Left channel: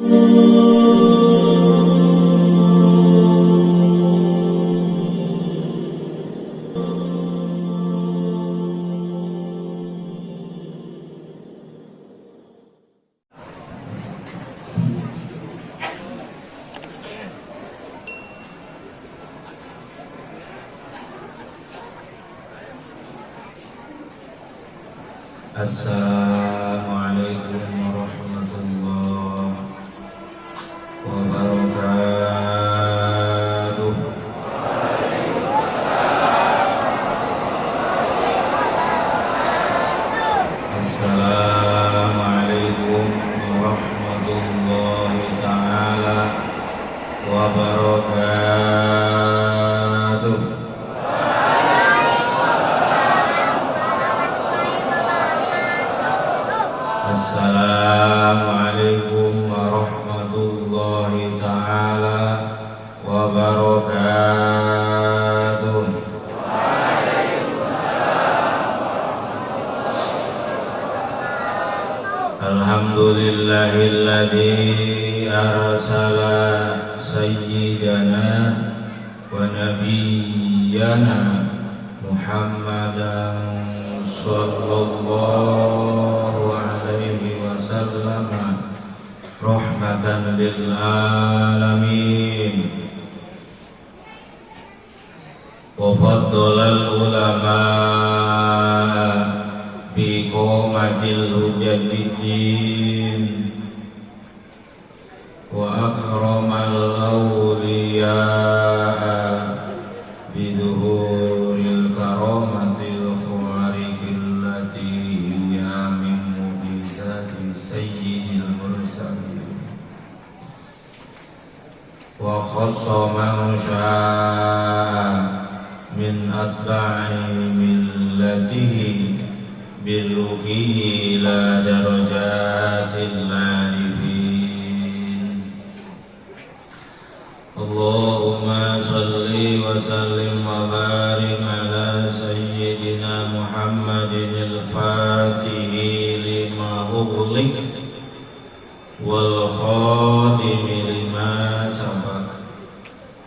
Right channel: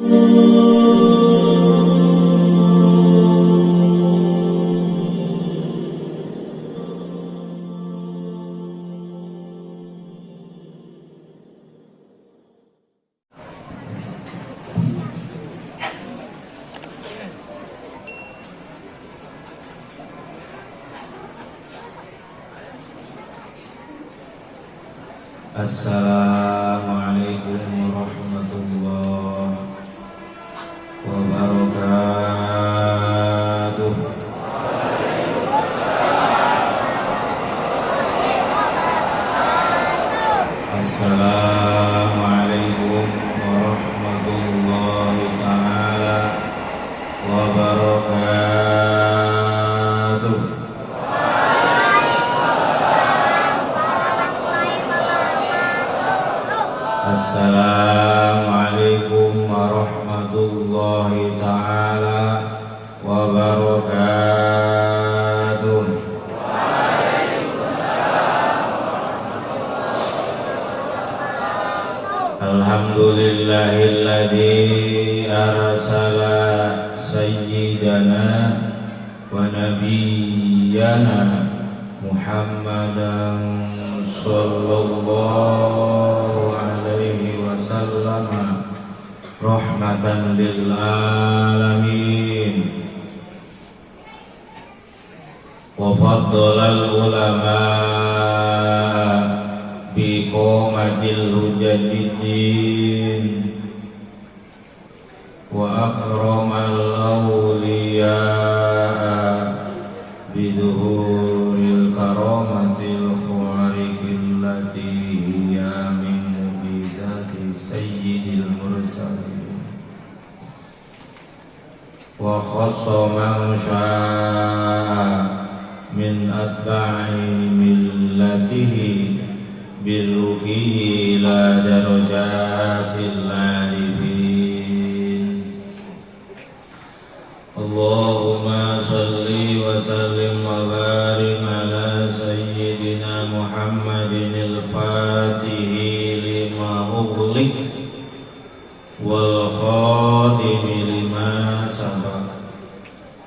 Assalamualaikum warahmatullahi wabarakatuh. Assalamualaikum warahmatullahi ta'ala wabarakatuh. Assalamualaikum warahmatullahi ta'ala wabarakatuh. Alhamdulillahilladzi arsala sayyidana wa nabiyyana Muhammadan sallallahu rahmatan lil alamin wa faddalal ulama bi qomatil hujjatiddin wa akramal awliya bi dhuhuril karamatil khariqil lati ya min mujizati sayyidil mursalin wa khassa man syaa min atba'i millatihi biruqihi ila darajatil arifin. Allahumma salli wa sallim wa barik ala sayyidina Muhammadin al-fatihi lima ughliq wal khatimi lima sabaq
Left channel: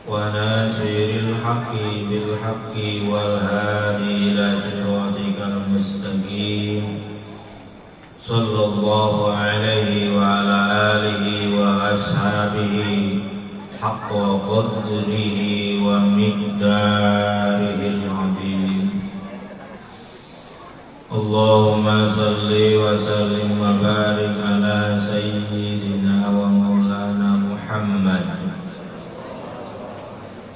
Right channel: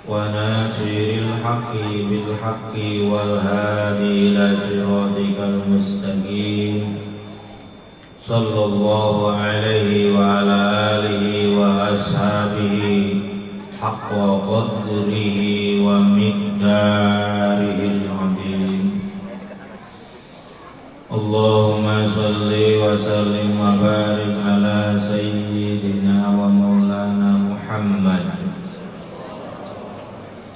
wa nasiril haqqi bil haqqi wal hadi ila siratikal mustaqim. Sallallahu alaihi wa ala alihi wa ashabihi haqqa qadrihi wa miqdarihil azim. Allahumma salli wa sallim wa barik ala sayyidina wa maulana Muhammad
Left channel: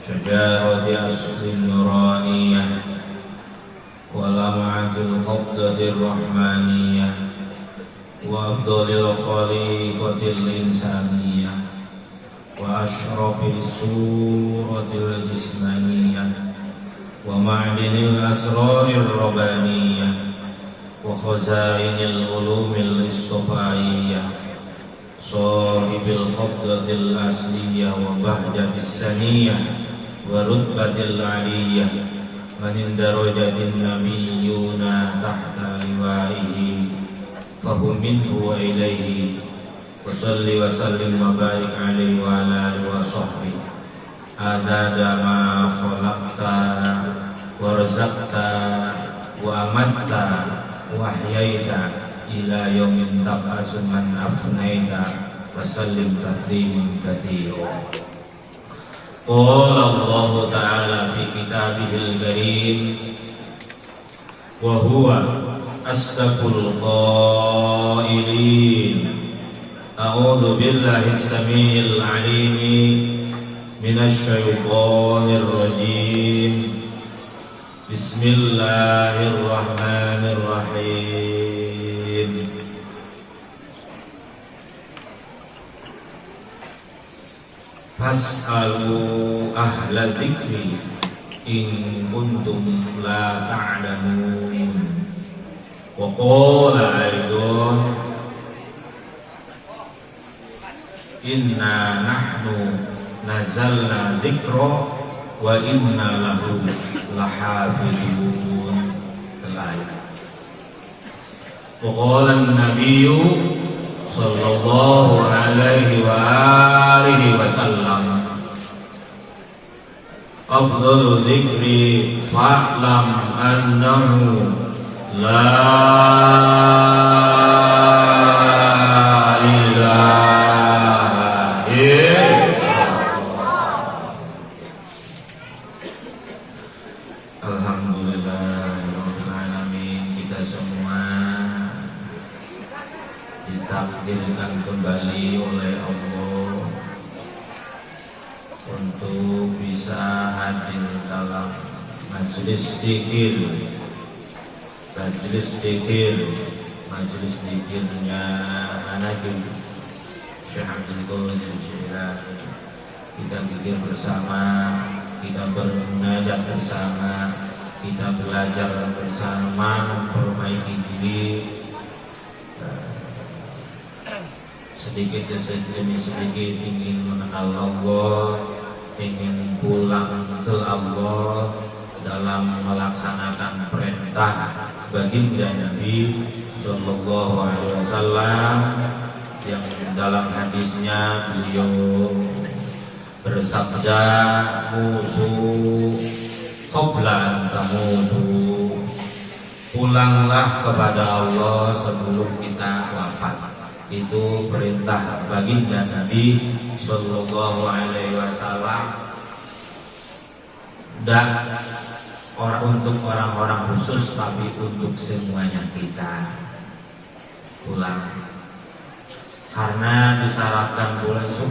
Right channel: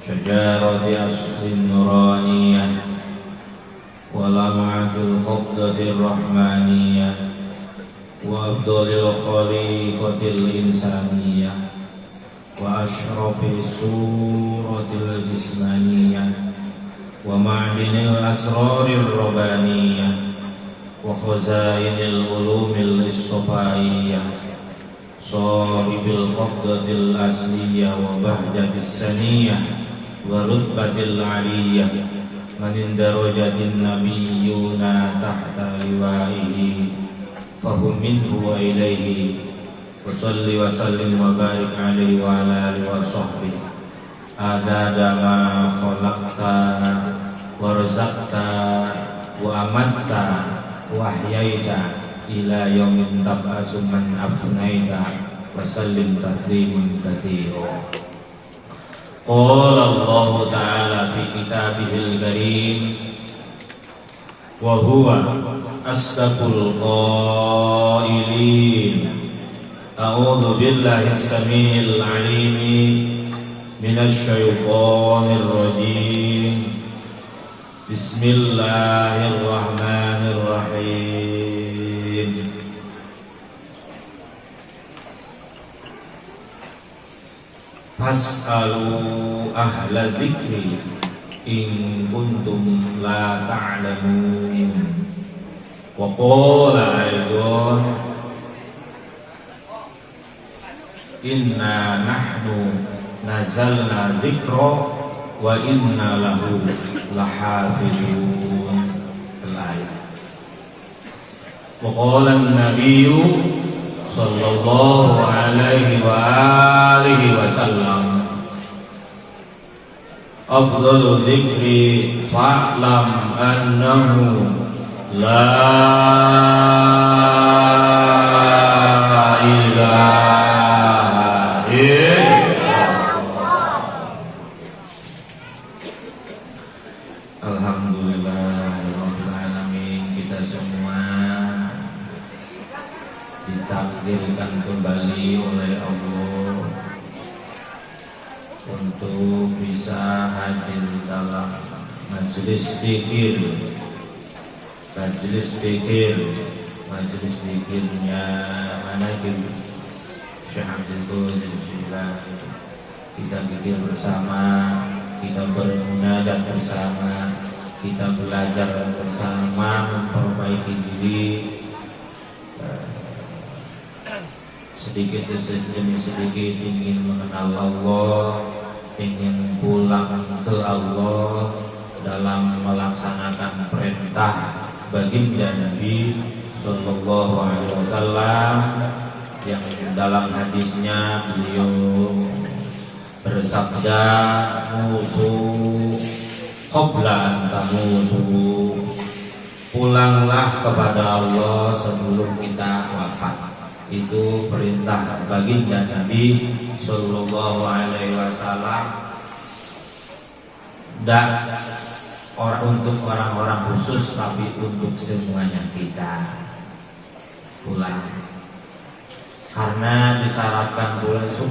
syajarati aslin nuraniyah wa lam'atil qabdatir rahmaniyah wa afdalil khaliqatil insaniyah wa ashrafil suratil jismaniyah wa ma'dinil asrarir rabbaniyah wa khazainil ulumil istofaiyah sahibil qabdatil asliyah wa bahjatis saniyah wa rutbatil aliyah manin darajatin nabiyyuna tahta liwaihi fahum minhu wa ilaihi wa salli wa sallim wa barik alaihi wa ala alihi wa sahbihi adada ma khalaqta wa razaqta wa amatta wa ahyaita ila yaumin tab'asu man afnaita wa sallim taslimin katsira. Qala Allah ta'ala fi kitabihil karim wa huwa asdaqul qailin. A'udzu billahi as-sami'il 'alim minasy syaithanir rajim. Bismillahirrahmanirrahim. Fas'alu ahla dzikri in kuntum la ta'lamun. Wa qala aidan inna nahnu nazalna dzikra wa inna lahu lahafizun. Wa qala an-nabiyyu sallallahu alaihi wa alihi wasallam. Afdhalu dzikri fa'lam annahu la ilaha illallah. Alhamdulillahirabbil alamin. Kita semua ditakdirkan kembali oleh Allah untuk bisa hadir dalam majelis zikirnya Nabi Syekh Abdul Qadir. Kita zikir bersama, kita bermunajat bersama, kita belajar bersama, memperbaiki diri sedikit demi sedikit, ingin mengenal Allah, ingin pulang ke Allah dalam melaksanakan perintah baginda Nabi Sallallahu Alaihi Wasallam yang dalam hadisnya beliau bersabda, mutu qabla an tamutu, pulanglah kepada Allah sebelum kita wafat. Itu perintah baginda Nabi Sallallahu Alaihi Wasallam. Dan untuk orang-orang khusus, tapi untuk semuanya kita pulang. Karena disyaratkan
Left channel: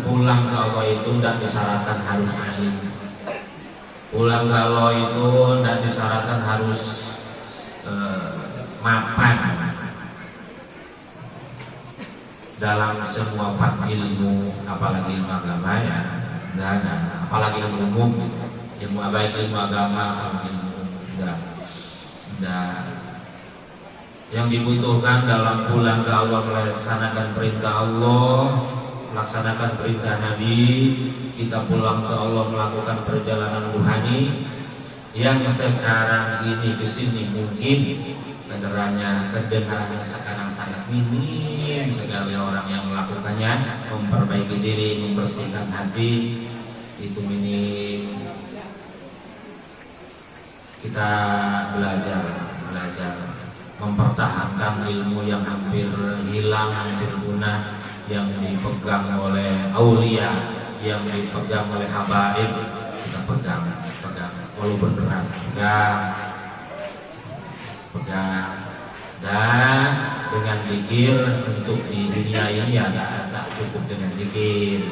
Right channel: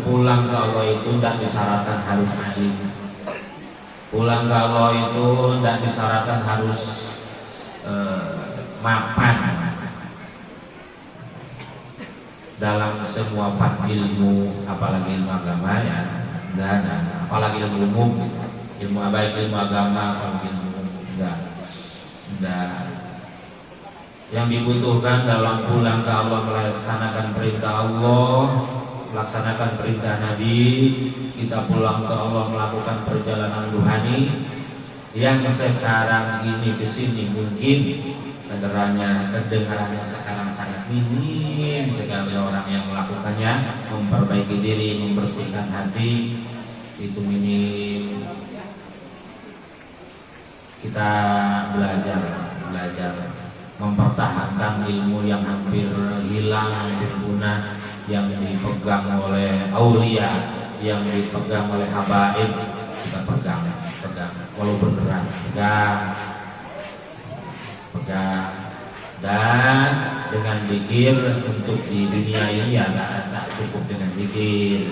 pulang ke Allah itu tidak disyaratkan harus alim. Pulang ke Allah itu tidak disyaratkan harus mapan. Dalam semua bab ilmu, apalagi ilmu agama ya, enggak ada. Apalagi ilmu umum, ilmu baik ilmu agama atau ilmu enggak. Yang dibutuhkan dalam pulang ke Allah, melaksanakan perintah Allah, melaksanakan perintah Nabi, kita pulang ke Allah melakukan perjalanan ruhani yang sekarang ini kesini mungkin kedengarannya sekarang sangat minim sekali orang yang melakukannya, memperbaiki diri, membersihkan hati, itu minim. Kita belajar mempertahankan ilmu yang hampir hilang, hampir punah, yang dipegang oleh aulia, yang dipegang oleh habaib. Kita pegang, walaupun berat, pegang. Dan dengan zikir untuk di dunia ini ya tak cukup dengan zikir,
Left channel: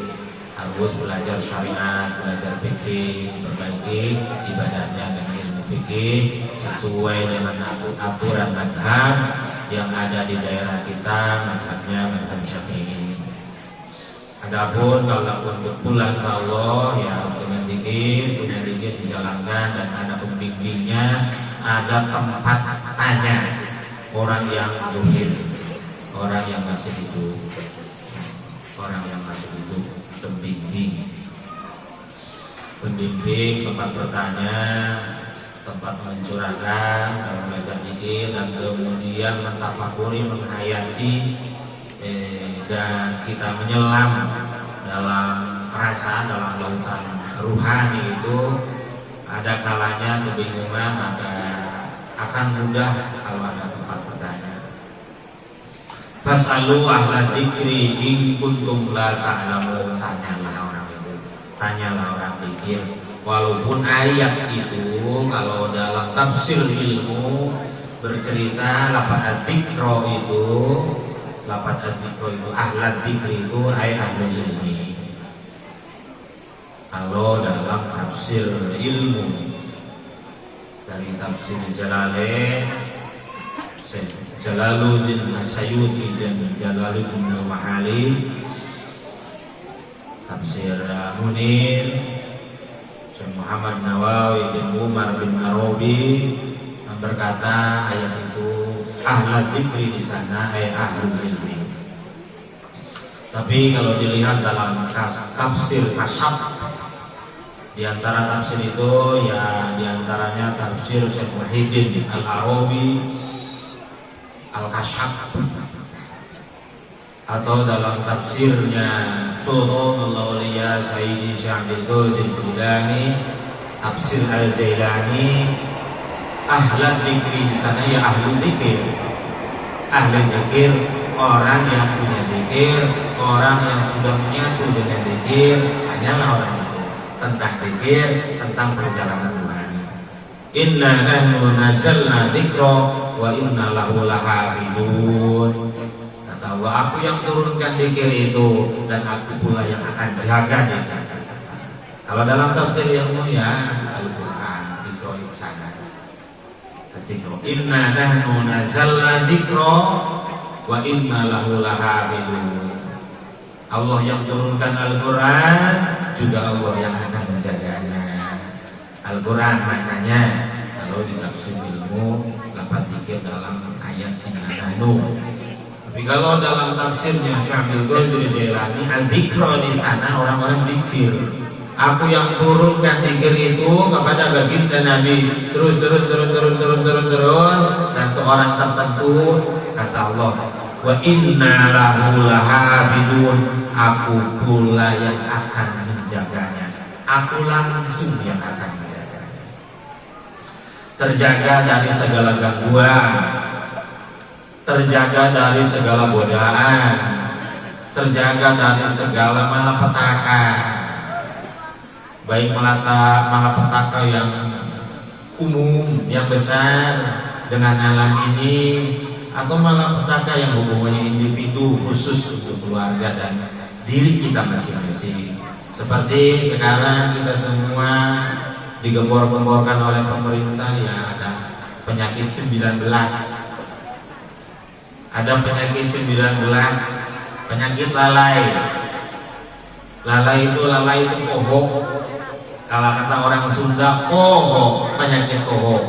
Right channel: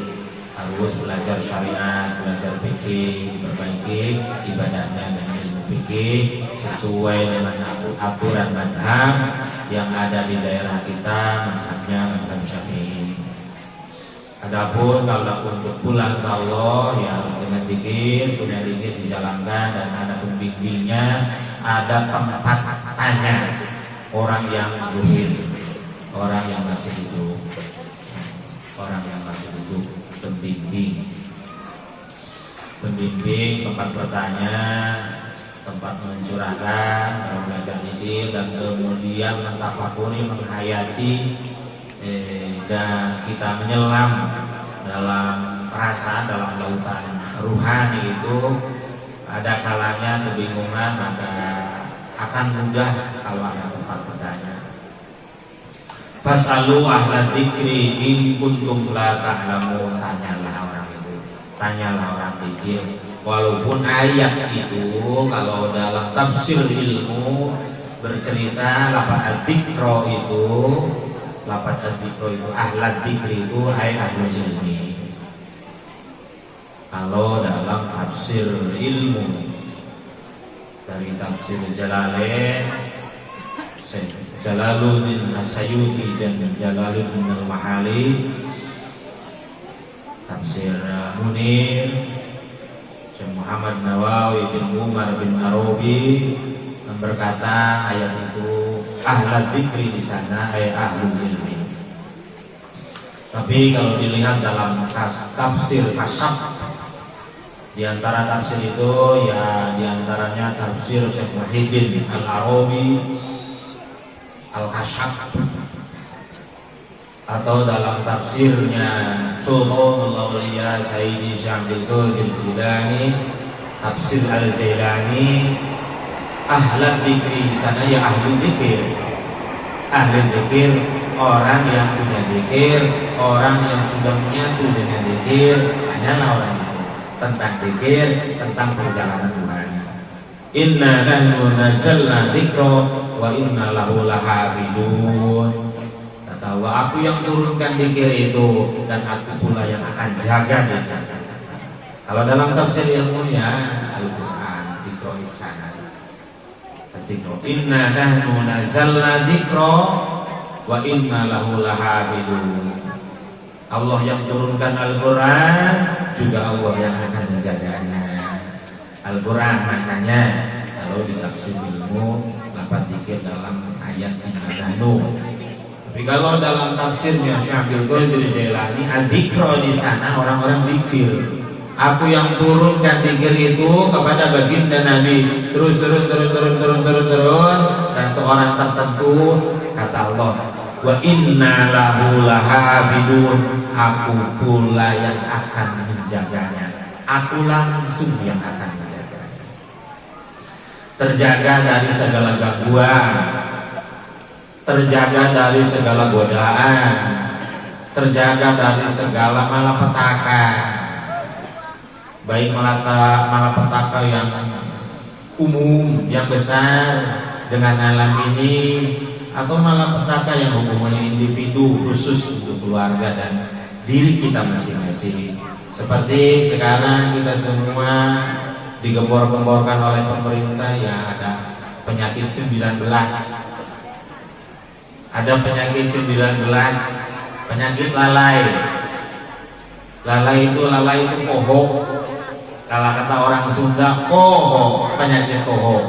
harus belajar syariat, belajar fikih, memperbaiki ibadahnya dengan ilmu fikih sesuai dengan aturan madhab yang ada di daerah kita, madhabnya madhab Syafi'i. Adapun kalau untuk pulang ke Allah ya dengan zikir, punya zikir dijalankan, dan ada pembimbingnya, ada tempat tanya orang yang zuhir, orang yang masih hidup, pembimbing tempat bertanya, tempat mencurahkan kalau belajar zikir, dan kemudian mentafakuri, menghayati, dan kita menyelam dalam rasa, dalam lautan ruhani itu. Ada kalanya kebingungan, maka akan mudah kalau ada tempat bertanya. Fasalu ahla dzikri in kuntum la ta'lamun, tanyalah orang itu, tanyalah orang zikir. Walaupun ayat itu kalau dalam tafsir ilmu bercerita lafaz dzikra itu, ahla dzikri itu ahli ilmi. Kalau dalam tafsir ilmu dari tafsir Jalalain, Jalaluddin As-Sayuti dan Jalaluddin Al-Mahali, tafsir Munir, Syekh Muhammad Nawawi bin Umar bin Arabi berkata ayat itu ahla dzikri di sana ayat ahli ilmi. Tapi kalau dilihat dalam tafsir Kasyaf, di antara tafsir itu ya di antaranya tafsir Syekh Muhyiddin Al-Arabi Al-Kasyaf atau dalam tafsirnya Sultanul Auliya Sayyidi Syekh Qadir Jilani, tafsir Al-Jailani, ahli dzikri di sana ya ahli dzikir. Ahli dzikir orang yang punya dzikir, orang yang sudah menyatu dengan dzikir, hanyalah orang itu. Tentang dzikir, tentang perjalanan Tuhan. Inna nahnu nazzalna dzikra wa inna lahu lahafizun. Bahwa aku yang turunkan dzikir itu dan aku pula yang akan jaganya. Kalau dalam tafsir ilmu ya Al-Quran dzikra di sana. Dzikra inna nahnu nazzalna dzikra wa inna lahu lahafizun. Allah yang turunkan Al-Quran juga Allah yang akan menjaganya. Al-Quran maknanya kalau di tafsir ilmu dapat dzikir dalam ayat inna nahnu. Tapi kalau dalam tafsirnya Syekh Qadir Jilani, al-dzikra di sana orang-orang zikir. Aku yang turunkan zikir itu kepada baginda Nabi terus dan ke orang tertentu, kata Allah, wa inna lahu lahafizun, aku pula yang akan menjaganya. Aku langsung yang akan menjaganya. Terjaga dari segala gangguan, terjaga dari segala godaan, terjaga dari segala malapetaka, baik malapetaka yang umum, yang besar dengan alam ini, atau malapetaka yang hubungannya individu khusus untuk keluarga dan diri kita masing-masing. Seperti sekarang kita semua digembor-gemborkan oleh pemerintah ya, ada penyakit 19. Ada penyakit 19, penyakit lalai. Lalai itu kohok. Kalau kata orang Sunda, kohok, penyakit kohok.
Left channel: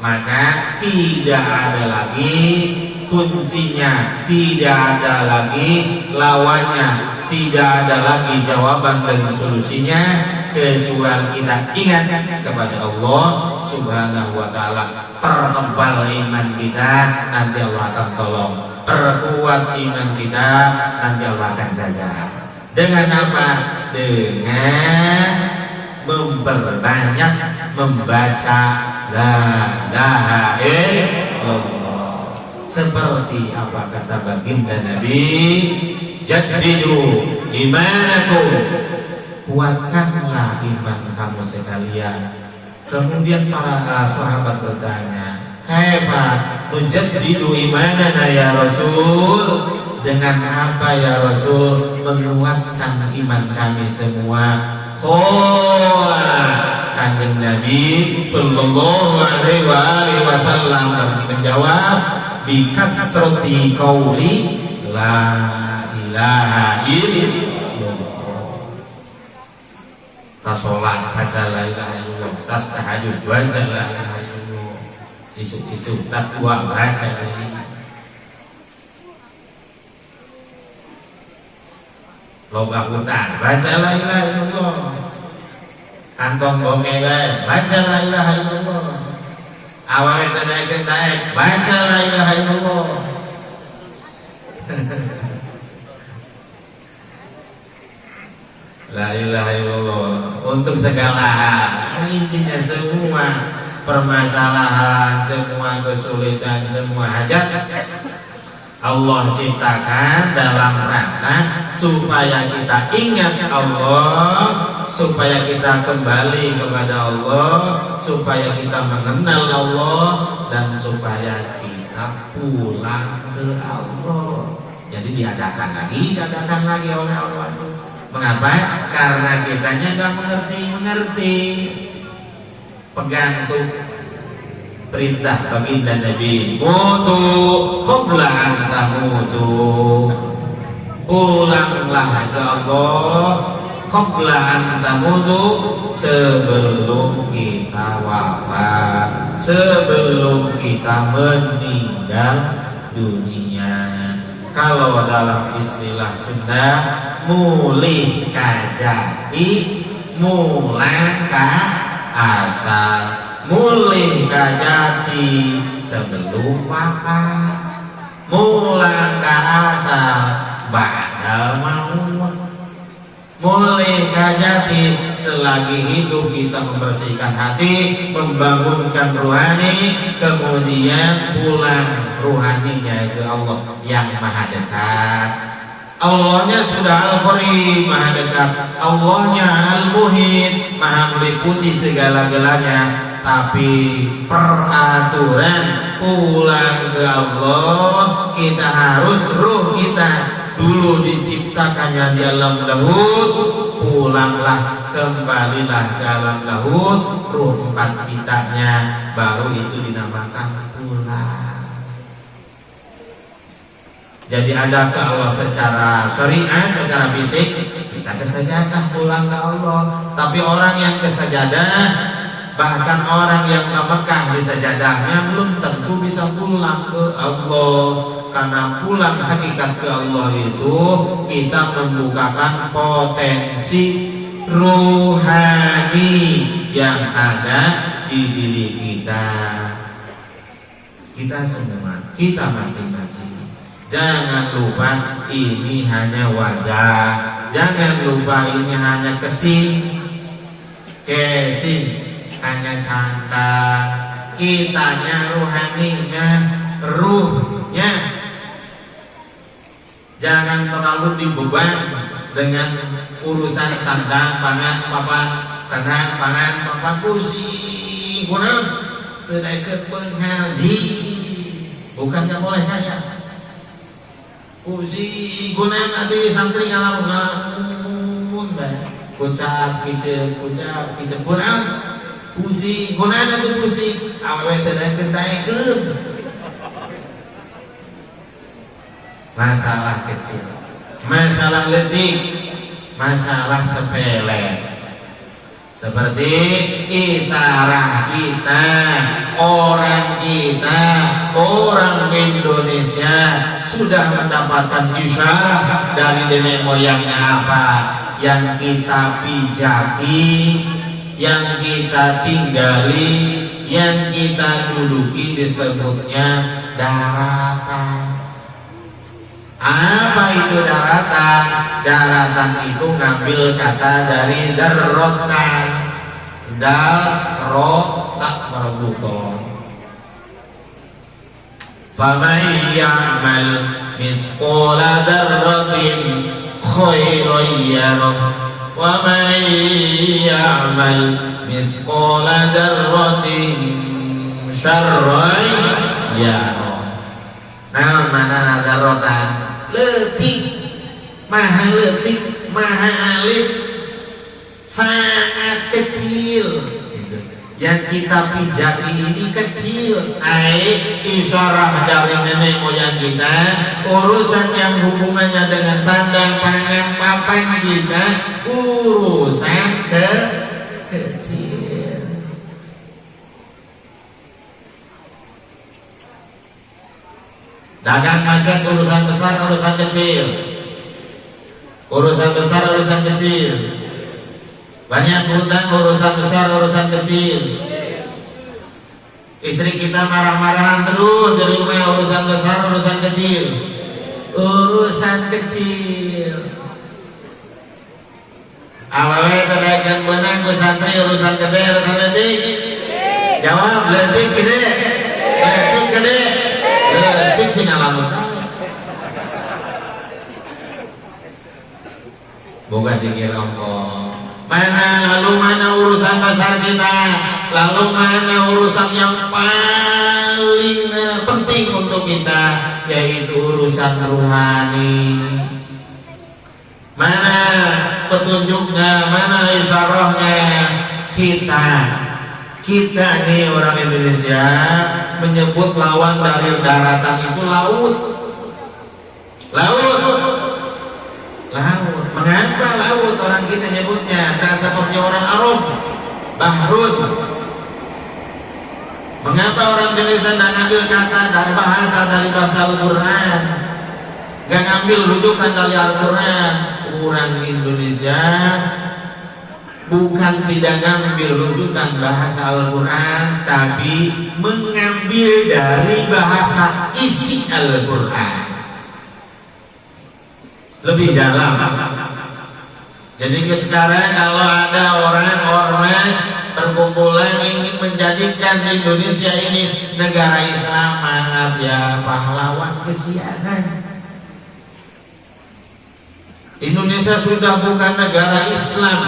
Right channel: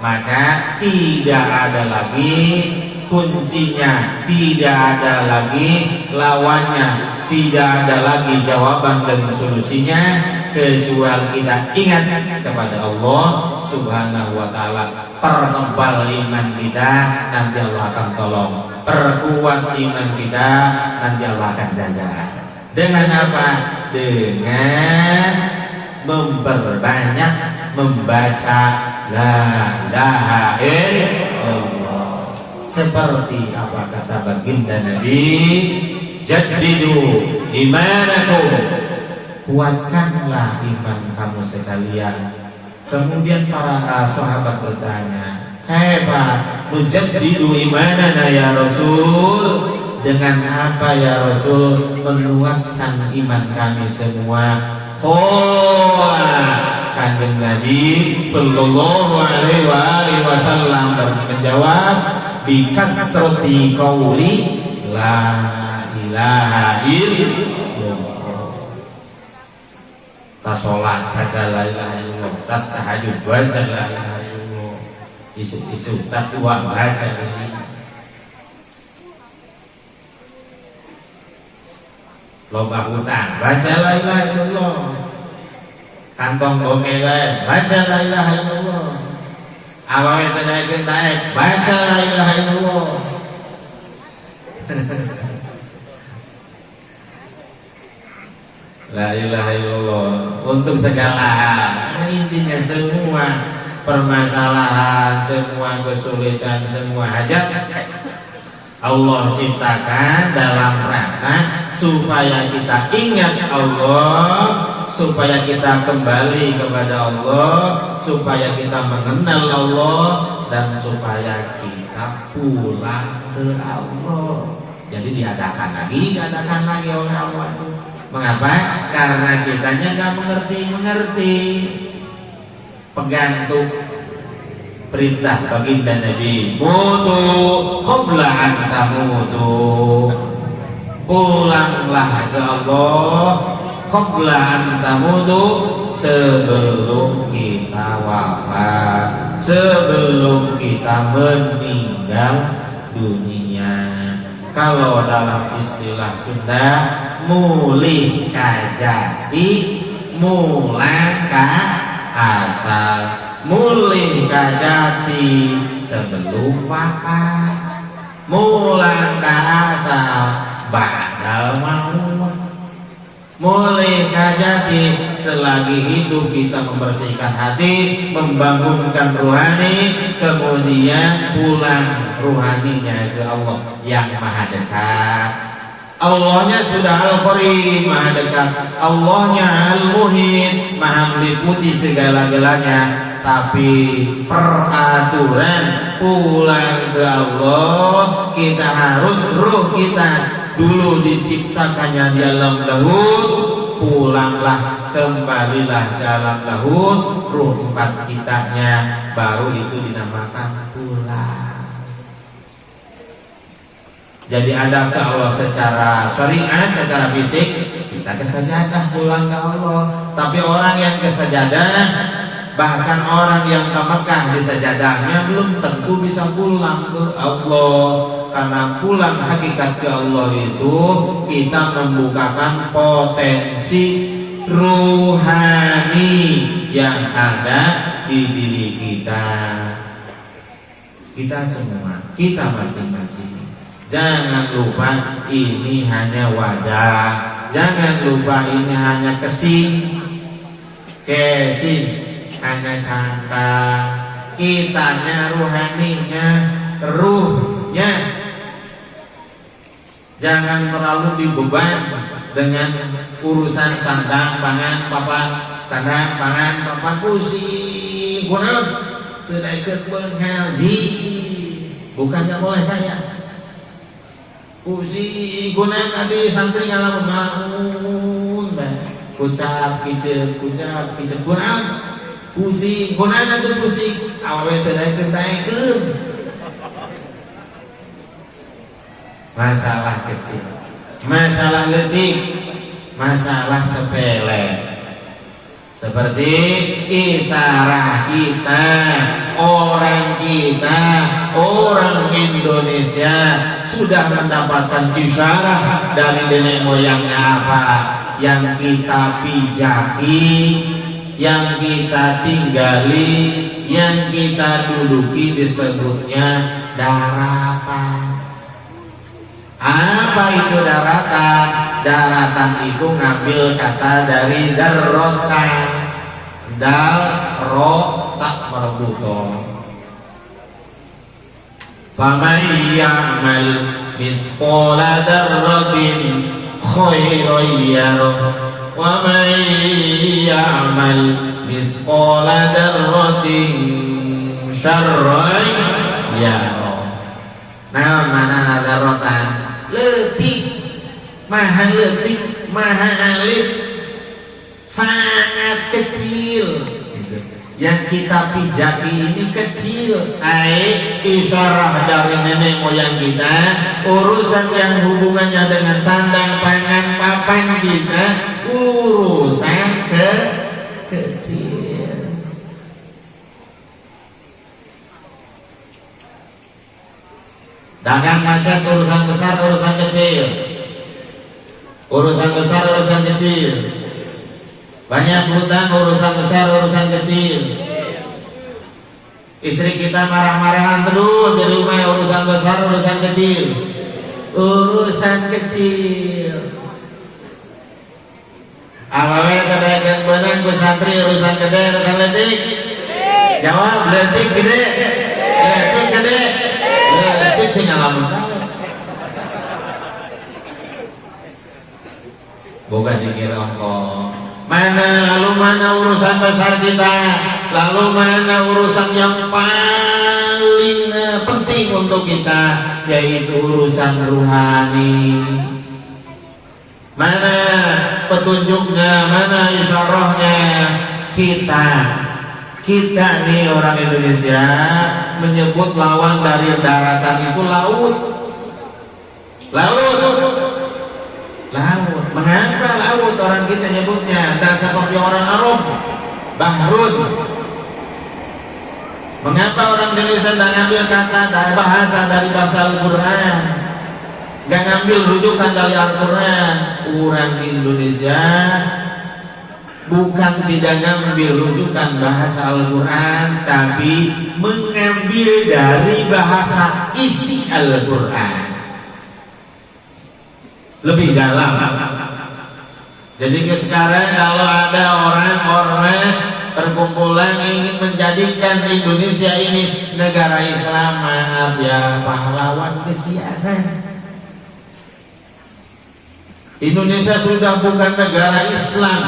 Maka tidak ada lagi kuncinya, tidak ada lagi lawannya, tidak ada lagi jawaban dan solusinya kecuali kita ingat kepada Allah Subhanahu wa ta'ala. Pertebal iman kita, nanti Allah akan tolong. Perkuat iman kita, nanti Allah akan jaga. Dengan apa? Dengan memperbanyak membaca la ilaha illallah. Seperti apa kata baginda Nabi, jaddidu imanakum, kuatkanlah iman kamu sekalian. Kemudian para sahabat bertanya, kaifa nujaddidu imanana ya Rasul? Dengan apa ya Rasul menguatkan iman kami semua? Kanjeng Nabi sallallahu alaihi wasallam menjawab, bi kasrati qauli la ilaha illallah. Tas sholat baca la ilaha illallah, tas tahajud baca la ilaha illallah, isu-isu tas tua baca la ilaha. Loba hutang baca la ilaha illallah, kantong bongewe baca la ilaha illallah, awawe tenaik baca la ilaha illallah. La ilaha illallah untuk segala hal. Intinya semua permasalahan, semua kesulitan, semua hajat Allah ciptakan dalam rangka supaya kita ingat Allah, supaya kita kembali kepada Allah, supaya kita mengenal Allah, dan supaya kita pulang ke Allah. Jadi diadakan lagi oleh Allah. Mengapa? Karena kitanya nggak mengerti. Pegantung perintah baginda Nabi, mutu qabla an tamutu, pulanglah ke Allah qabla an tamutu, sebelum kita wafat, sebelum kita meninggal dunia. Kalau dalam istilah Sunda, mulih kajati mulang ka asal, mulih kajati sebelum wafat, mulang ka asal mulai kajati selagi hidup kita membersihkan hati, membangunkan rohani, kemudian pulang rohaninya ke Allah yang maha dekat. Allahnya sudah Al-Qareeb, maha dekat. Allahnya Al-Muhit, maha meliputi segala-galanya. Tapi peraturan pulang ke Allah, kita harus ruh kita dulu diciptakannya dalam laut, pulanglah kembalilah dalam laut, ruh empat kitanya baru itu dinamakan pulang. Jadi ada ke Allah secara syariat, secara fisik, kita ke sajadah pulang ke Allah. Tapi orang yang ke sajadah, bahkan orang yang ke Mekah di sajadahnya belum tentu bisa pulang ke Allah. Karena pulang hakikat ke Allah itu kita membukakan potensi ruhani yang ada di diri kita. Kita semua, kita masing-masing. Jangan lupa ini hanya wadah. Jangan lupa ini hanya casing hanya canda. Kitanya rohaninya, ruhnya jangan terlalu dibeban dengan urusan sandang, pangan, papan, sandang, pangan, papan, pusing, kurang tidak ikut mengaji, bukannya boleh saya pusing, gunaan asli santri ngalamun, ucap kicil, kurang pusing, gunaan asli pusing, awalnya tidak ikut. Masalah kecil, masalah letik, masalah sepele. Seperti isyarat kita, orang Indonesia sudah mendapatkan isyarat dari nenek moyangnya apa yang kita pijaki, yang kita tinggali, yang kita duduki, disebutnya daratan. Apa itu daratan? Daratan itu ngambil kata dari darrotan, darrotak marbuto. Faman ya'mal mithqala darratin khairan yarah, wa man ya'mal mithqala darratin syarran yarah. Nah, mana darrotan? Letik, maha letik, maha alit, sangat kecil. Yang kita pijaki ini kecil. Isyarah dari nenek moyang kita, urusan yang hubungannya dengan sandang, pangan, papan kita, urusan kecil. Dagang macet urusan besar, urusan kecil. Urusan besar, urusan kecil. Banyak hutang, urusan besar, urusan kecil. Istri kita marah-marahan terus di rumah, urusan besar, urusan kecil. Urusan kecil. Awalnya terlihat benang pesantren, urusan gede, urusan kecil. Jawab, letik gede. Letik gede. Letik sih ngalamun. Bukan dikira ongkong. Lalu mana urusan besar kita, lalu mana urusan yang paling penting untuk kita, yaitu urusan rohani. Mana petunjuknya, mana isyarahnya? Kita nih orang Indonesia menyebut lawan dari daratan itu laut. Mengapa laut orang kita nyebutnya? Tidak seperti orang Arab, bahrun. Mengapa orang Indonesia tidak ngambil kata dari bahasa Al-Quran, gak ngambil rujukan dari Al-Quran? Orang Indonesia bukan tidak ngambil rujukan bahasa Al-Quran, tapi mengambil dari bahasa isi Al-Quran lebih dalam. Jadi sekarang kalau ada orang ormas perkumpulan ingin menjadikan Indonesia ini negara Islam, maaf ya, pahlawan kesiangan. Indonesia sudah bukan negara Islam.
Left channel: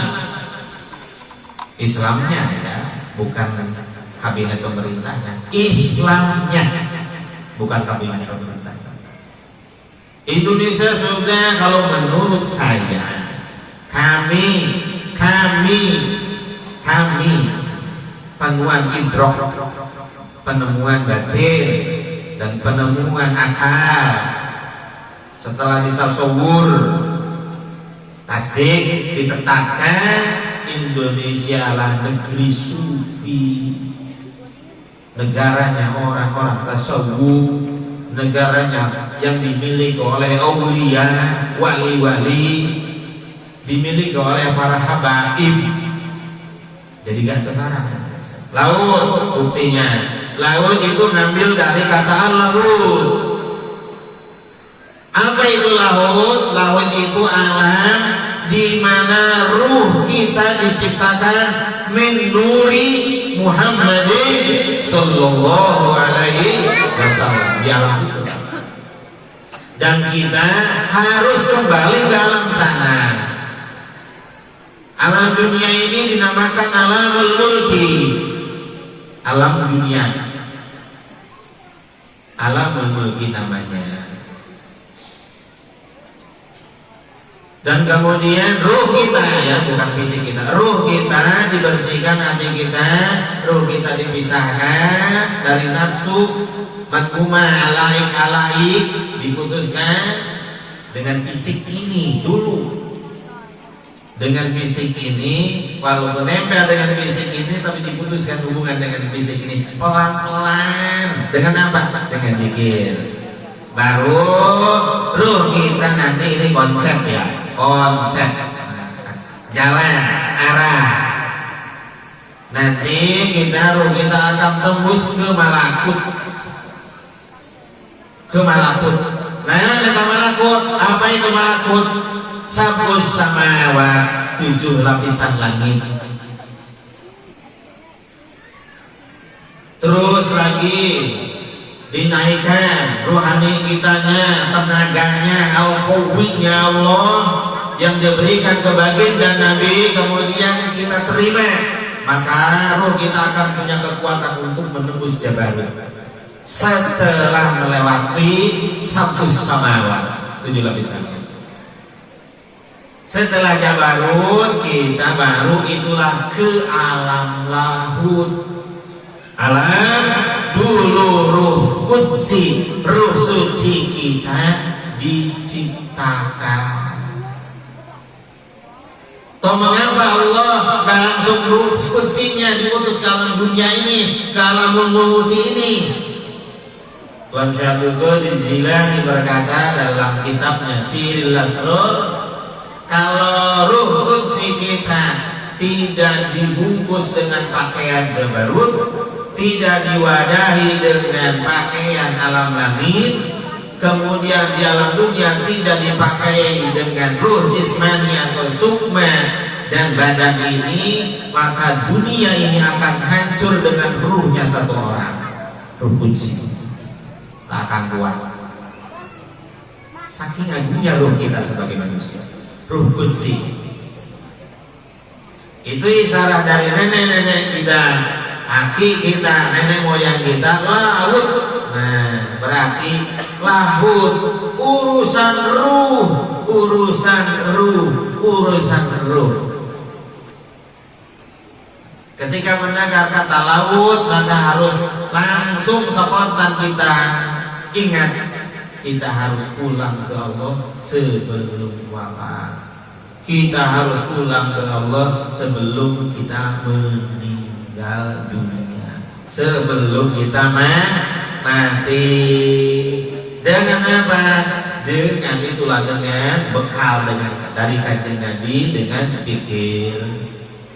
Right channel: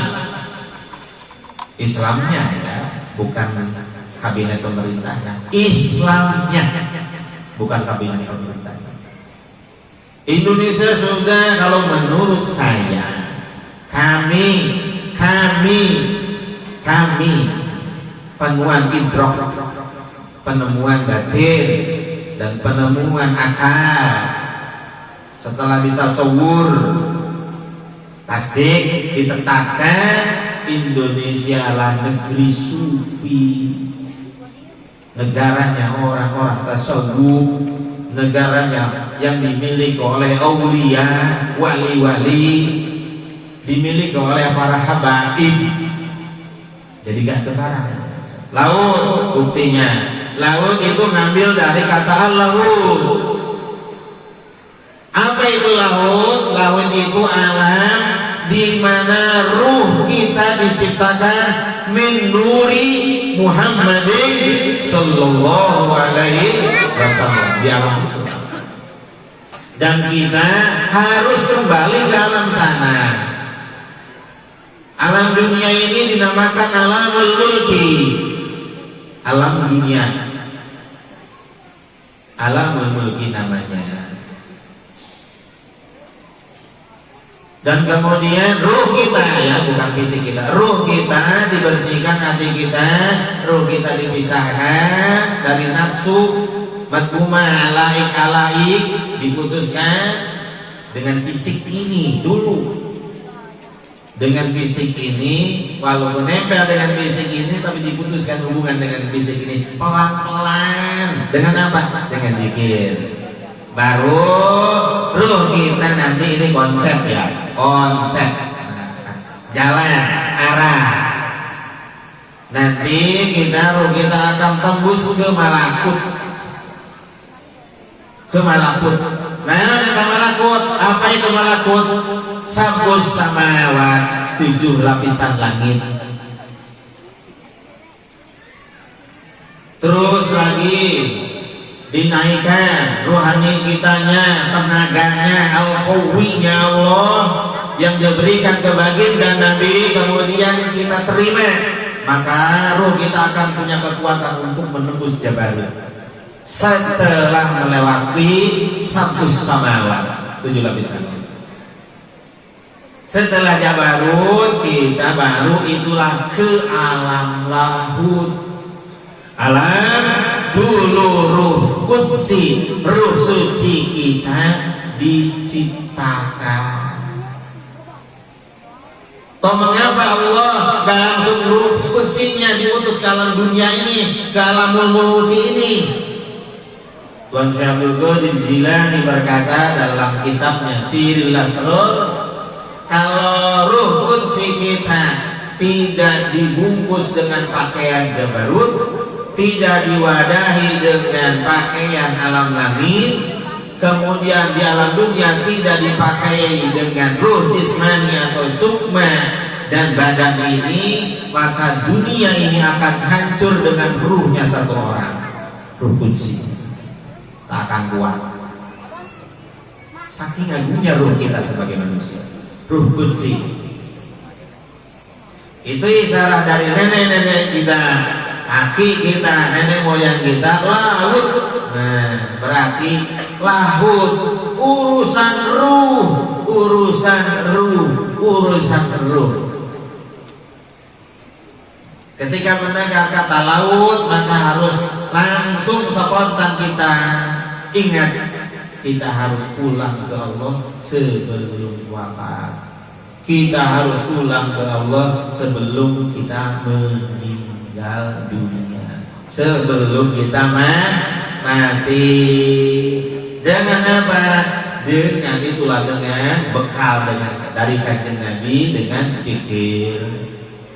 Islamnya ya, bukan kabinet pemerintahnya. Islamnya, bukan kabinet pemerintahnya. Indonesia sudah, kalau menurut saya, kami penemuan idrok, penemuan batin, dan penemuan akal. Setelah ditasawur, tasdik, ditetapkan Indonesia lah negeri sufi, negaranya orang-orang tasawuf, negaranya yang dimiliki oleh aulia, wali-wali, dimiliki oleh para habaib. Jadi gak sembarangan. Laut buktinya, laut itu ngambil dari kata laut. Apa itu laut? Laut itu alam di mana ruh kita diciptakan min nuri Muhammadin sallallahu alaihi wasallam, di alam itu. Dan kita harus kembali ke alam sana. Alam dunia ini dinamakan alam al-mulki, alam dunia, alam al-mulki namanya. Dan kemudian ruh kita, ya bukan fisik kita, ruh kita dibersihkan, hati kita, ruh kita dipisahkan dari nafsu madhumah alaik, diputuskan dengan fisik ini dulu. Dengan fisik ini, walau menempel dengan fisik ini, tapi diputuskan hubungan dengan fisik ini pelan-pelan. Dengan apa? Dengan zikir. Baru ruh kita nanti, ini konsep ya, konsep jalan arah. Nanti ruh kita akan tembus ke malakut, ke malakut. Nah, kita malakut, apa itu malakut? Sabus samawat, 7 lapisan langit. Terus lagi dinaikkan rohani kitanya, tenaganya, al-qawinya Allah yang diberikan ke baginda Nabi, kemudian kita terima, maka ruh kita akan punya kekuatan untuk menembus Jabarut setelah melewati sabus samawat, 7 lapisan. Setelah Jabarut, kita baru itulah ke alam lahut. Alam dulu ruh kudsi, ruh suci kita diciptakan. Toh mengapa Allah gak langsung ruh kutsinya diutus ke alam dunia ini, ke alam lahut ini? Tuan Syekh Abdul Qadir Jilani berkata dalam kitabnya Sirrul Asrar, kalau ruh kudsi kita tidak dibungkus dengan pakaian Jabarut, tidak diwadahi dengan pakaian alam langit, kemudian di alam dunia tidak dipakai dengan ruh jismani atau sukma dan badan ini, maka dunia ini akan hancur dengan ruhnya satu orang, ruh kudsi, tak akan kuat. Saking agungnya ruh kita sebagai manusia, ruh kudsi itu isyarat dari nenek-nenek kita, aki kita, nenek moyang kita, laut. Nah, berarti lahut, urusan ruh, urusan ruh, urusan ruh. Ketika mendengar kata laut, maka harus langsung spontan kita ingat, kita harus pulang ke Allah sebelum wafat. Kita harus pulang ke Allah sebelum kita meninggal dunia, sebelum kita mati. Dengan apa? Dengan itulah, dengan bekal dari kanjeng Nabi, dengan zikir.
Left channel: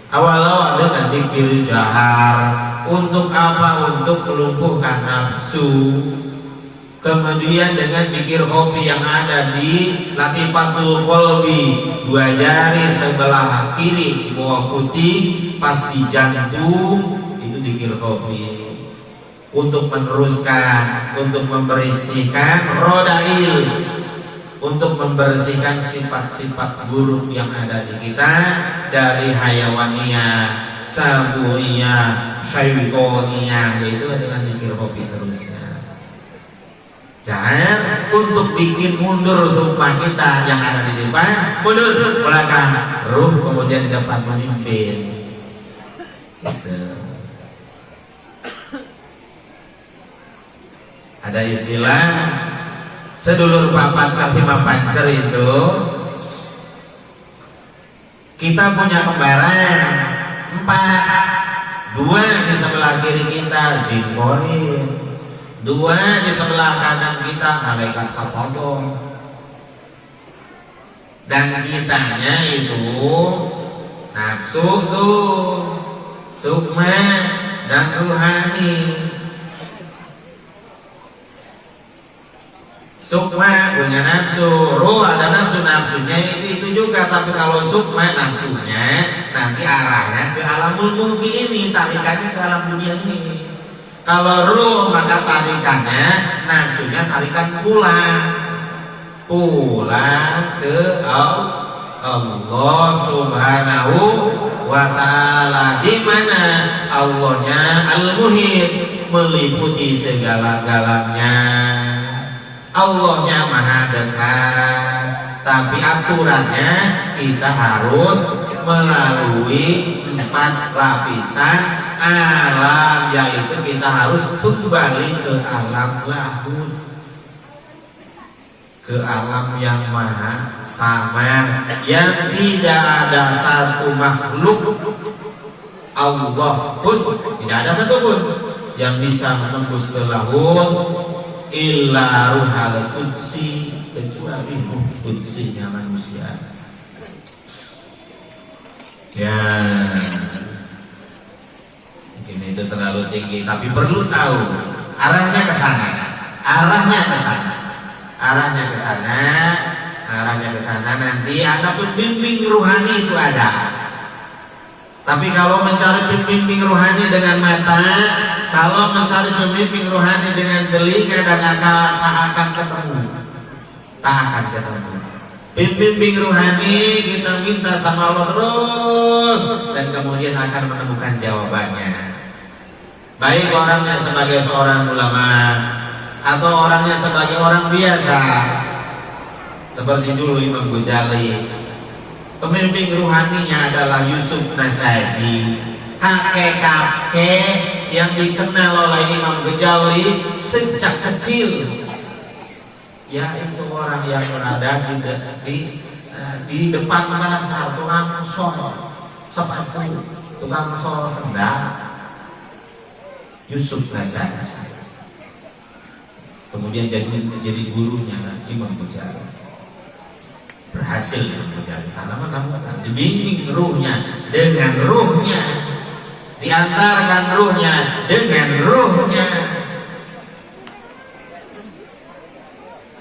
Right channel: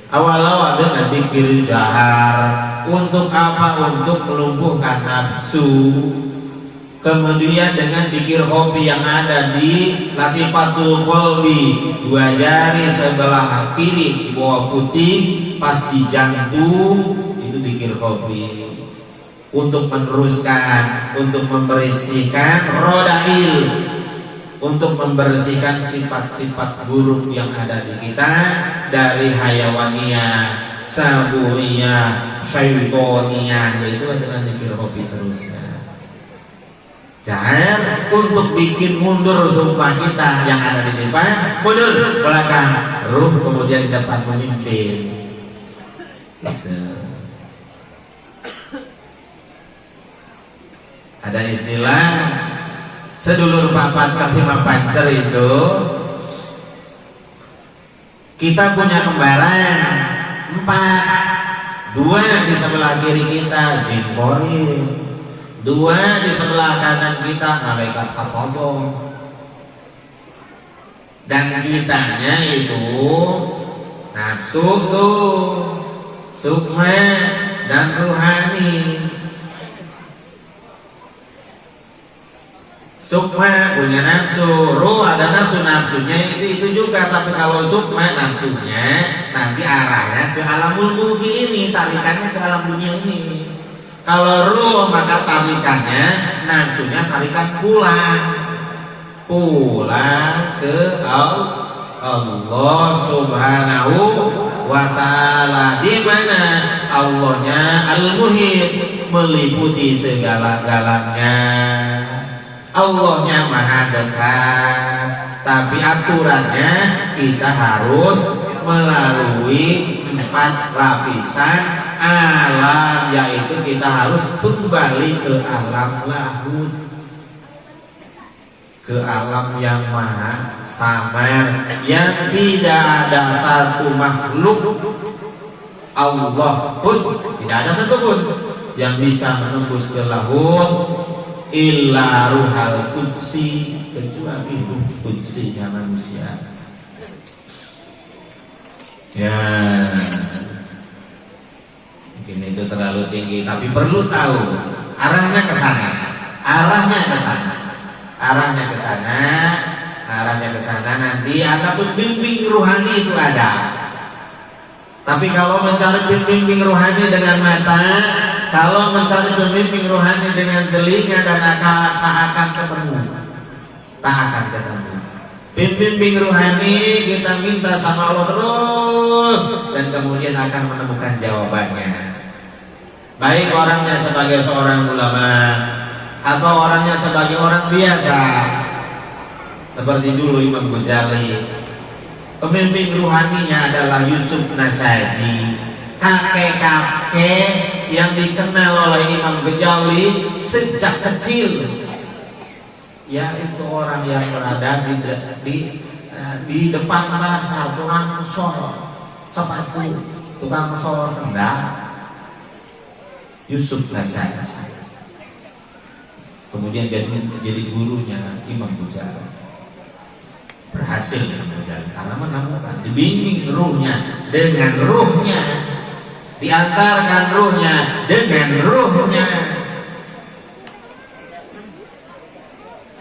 Awal-awal dengan zikir jahar. Untuk apa? Untuk melumpuhkan nafsu. Kemudian dengan zikir hobi yang ada di Latifatul Qalbi, 2 jari sebelah kiri bawah putih pas di jantung, itu zikir hobi untuk meneruskan, untuk membersihkan rodail, untuk membersihkan sifat-sifat buruk yang ada di kita dari hayawaniyah, saburiyah, syaitoniyah, yaitu dengan zikir hobi terusnya. Jangan untuk bikin mundur sumpah kita yang ada di depan, mundur belakang, ruh kemudian dapat memimpin. Ada istilah sedulur papat kapima pancer itu, kita punya kembaran 4, 2 di sebelah kiri kita Jibril, 2 di sebelah kanan kita malaikat kapodong, dan kitanya itu nafsu tuh, sukma dan ruhani. Sukma punya nafsu, ruh ada nafsunya itu juga. Tapi kalau sukma nafsunya nanti arahnya ke alamul mulki ini, tarikannya ke alam dunia ini. Kalau ruh maka tarikannya, nafsunya tarikan pulang ke Allah Subhanahu wa Ta'ala, di mana Allahnya Al-Muhit, meliputi segala-galanya. Allahnya maha dekat, tapi aturannya kita harus melalui 4 lapisan alam, yaitu kita harus kembali ke alam lahud, ke alam yang maha samar, yang tidak ada satu makhluk Allah pun, tidak ada satu pun yang bisa menembus ke lahud illa ruhal qudsi, kecuali ruh qudsinya manusia. Ya, mungkin itu terlalu tinggi, tapi perlu tahu arahnya ke sana, arahnya ke sana, arahnya ke sana, arahnya ke sana. Nanti ada pembimbing rohani itu ada. Tapi kalau mencari pembimbing rohani dengan mata, kalau mencari pembimbing rohani dengan telinga dan akal, tak akan ketemu, tak akan ketemu. Pembimbing rohani kita minta sama Allah terus, dan kemudian akan menemukan jawabannya. Baik orangnya sebagai seorang ulama atau orangnya sebagai orang biasa, seperti dulu Imam Ghazali. Pembimbing rohaninya adalah Yusuf Nasaji, kakek-kakek yang dikenal oleh Imam Ghazali sejak kecil. Yaitu orang yang berada di depan pasar, tukang sol sepatu, tukang sol sendal, Yusuf Nasaji. Kemudian jadi gurunya Imam Ghazali. Berhasil Imam Ghazali karena menemukan, dibimbing ruhnya dengan ruhnya, diantarkan ruhnya dengan ruhnya,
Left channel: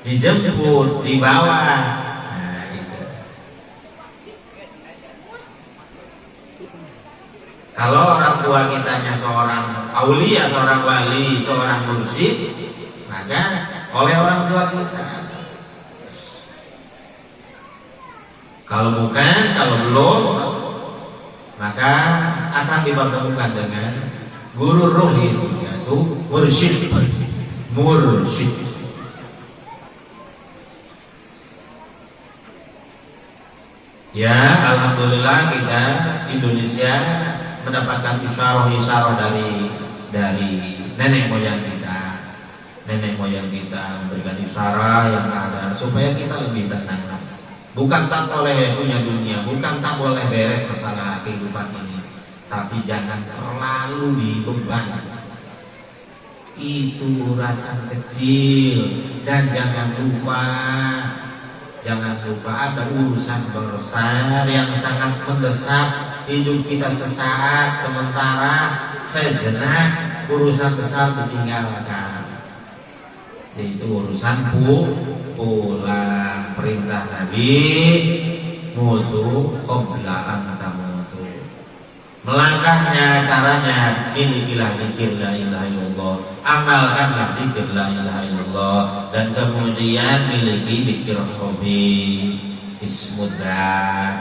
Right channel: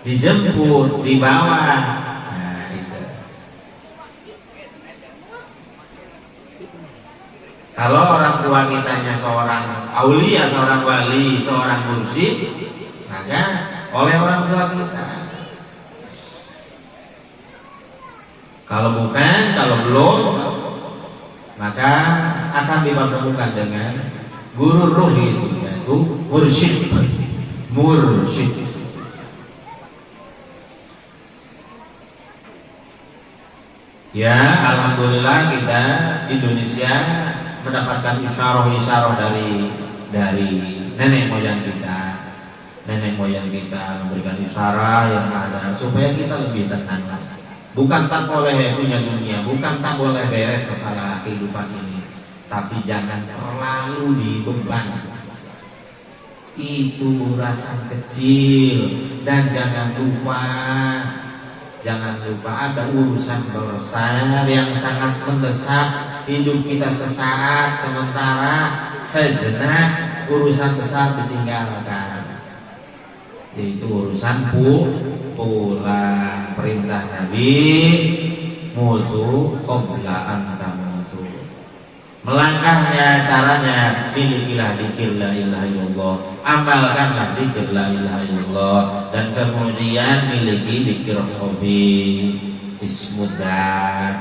dijemput, dibawa. Nah, itu. Kalau orang tua kitanya seorang aulia, seorang wali, seorang mursyid, maka oleh orang tua kita. Kalau bukan, kalau belum, maka akan dipertemukan dengan guru ruhi, yaitu mursyid. Ya, alhamdulillah kita Indonesia mendapatkan isyarah dari nenek moyang kita. Nenek moyang kita memberikan isyarah yang ada supaya kita lebih tenang. Bukan tak boleh punya dunia, bukan tak boleh beres masalah kehidupan ini, tapi jangan terlalu dibeban. Itu rasa kecil, dan jangan lupa ada urusan besar yang sangat mendesak hidup kita sesaat, sementara sejenak urusan besar ditinggalkan. Itu urusan pulang. Perintah Nabi mutu qabla an tamutu. Melangkahnya caranya milikilah dzikir la ilaha illallah, amalkanlah dzikir la ilaha illallah, dan kemudian miliki dzikir hobi ismudah,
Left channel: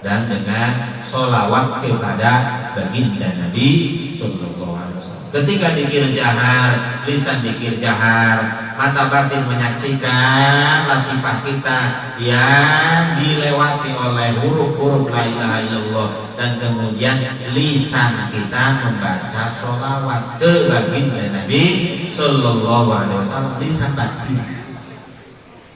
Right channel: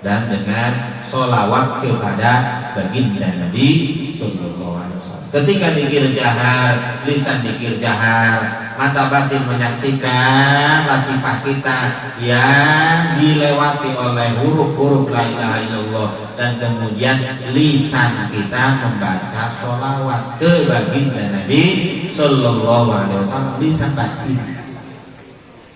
dan dengan sholawat kepada baginda Nabi sallallahu alaihi wasallam. Ketika dzikir jahar, lisan dzikir jahar, mata batin menyaksikan latifah kita yang dilewati oleh huruf-huruf la ilaha illallah, dan kemudian lisan kita membaca sholawat ke baginda Nabi sallallahu alaihi wasallam. Lisan batin,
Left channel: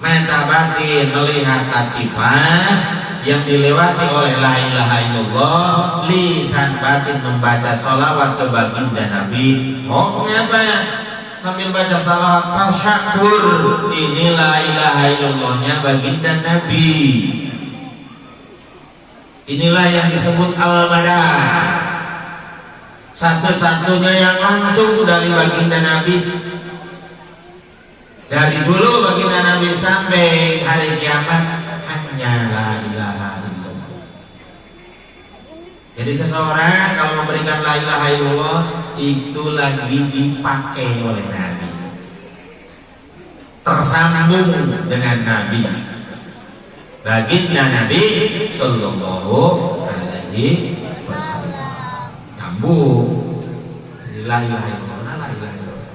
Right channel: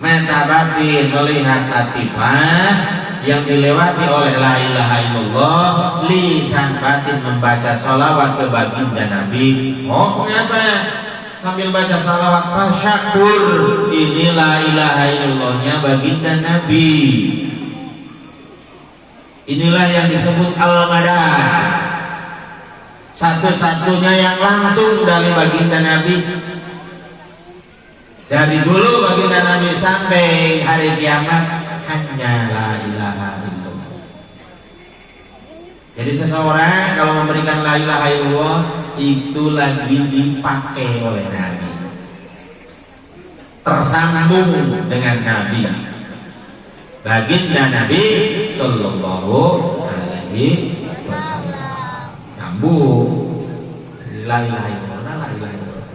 mata batin melihat latifah yang dilewati oleh la ilaha illallah, lisan batin membaca sholawat ke baginda Nabi. Oh ngapa? Sambil baca salawat tasyakur, ini la ilaha illallahnya baginda Nabi. Inilah yang disebut al-madah, satu-satunya yang langsung dari baginda Nabi. Dari dulu baginda Nabi sampai hari kiamat hanya la ilaha illallah. Jadi seseorang kalau memberikan la ilaha illallah itu lagi dipakai oleh Nabi, tersambung dengan Nabi, baginda Nabi sallallahu alaihi wasallam, nyambung. La ilaha illallah, la ilaha illallah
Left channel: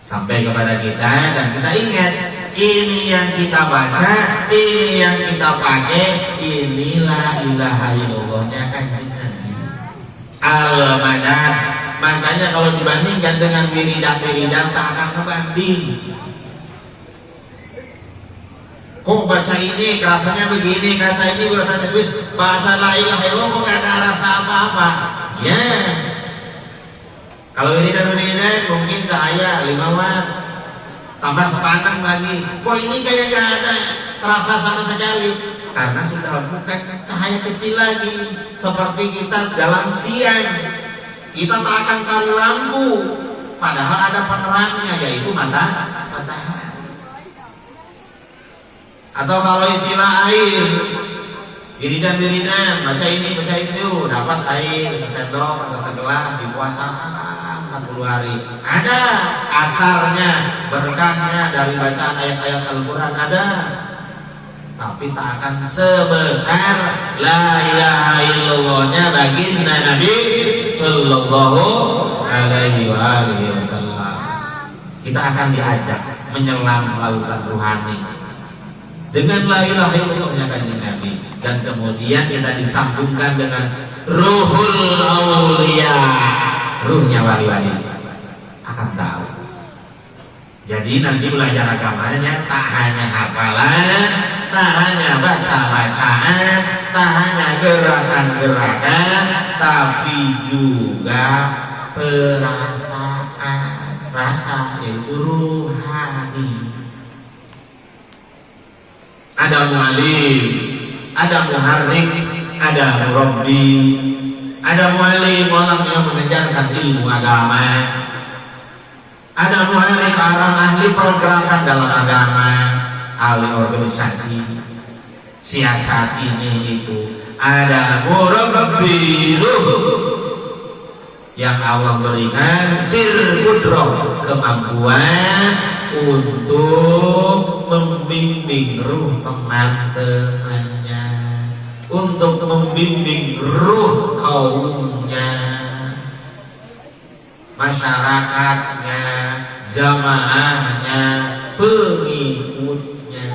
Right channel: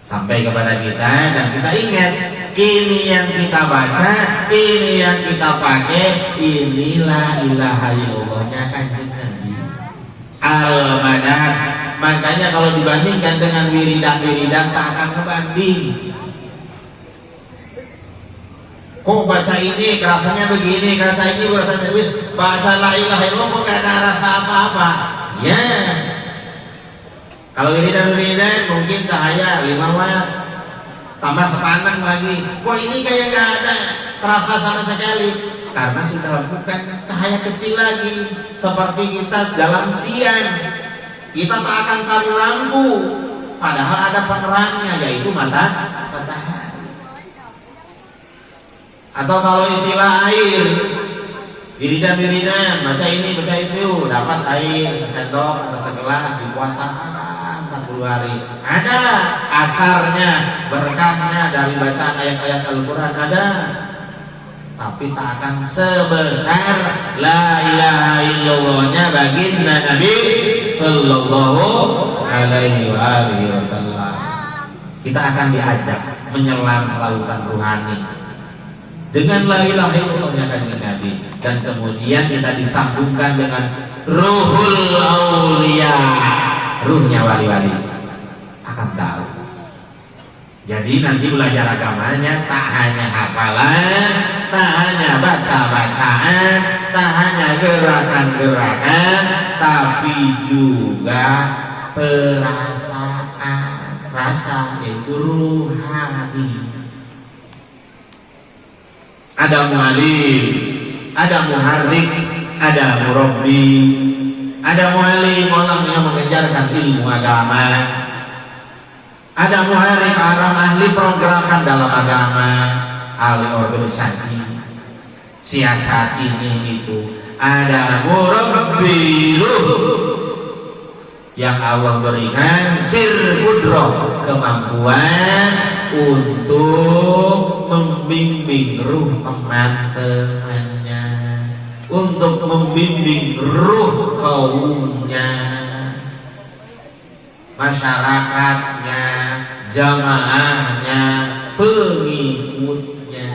sampai kepada kita, dan kita ingat ini yang kita baca, ini yang kita pakai, ini la ilaha illallahnya kan al-madah. Makanya kalau dibandingkan dengan wiridan tak akan membanding. Oh baca ini rasanya begini, baca ini rasanya begini, baca la ilaha illallah gak ada rasa apa-apa. Ya. Kalau wiridan mungkin cahaya 5 watt, tambah sepandang lagi. Wah ini kayak gak ada terasa sama sekali. Karena sudah bukan cahaya kecil lagi, seperti kita dalam siang, kita tak akan cari lampu, padahal ada penerangnya, yaitu matahari. Atau kalau istilah air, wiridan, baca ini, baca itu, dapat air sesendok atau segelas di puasa 40 hari. Ada asarnya, berkahnya dari bacaan ayat-ayat Al-Quran ada. Tapi tak akan sebesar la ilaha illallahnya baginda Nabi sallallahu alaihi wasallam. Kita akan diajak menyelam lautan ruhani dengan la ilaha illallahnya baginda Nabi, dan kemudian kita disambungkan dengan ruhul auliya, ruhnya wali-wali akan tahu. Jadi nanti belajar agamanya tak hanya hafalan, tak hanya baca-bacaan, tak hanya gerakan-gerakan, tapi juga perasaan, rasa itu ruhani. Ada mu'alim, ada muharrik, ada murabbi, ada mu'alim orang yang mengajarkan ilmu agama, ada muharrik orang ahli pergerakan dalam agama, ahli organisasi, siasat ini itu. Ada murabbi yang Allah berikan sir qudrah, kemampuan untuk membimbing ruh teman-temannya, untuk membimbing ruh kaumnya, masyarakatnya, jamaahnya, pengikutnya.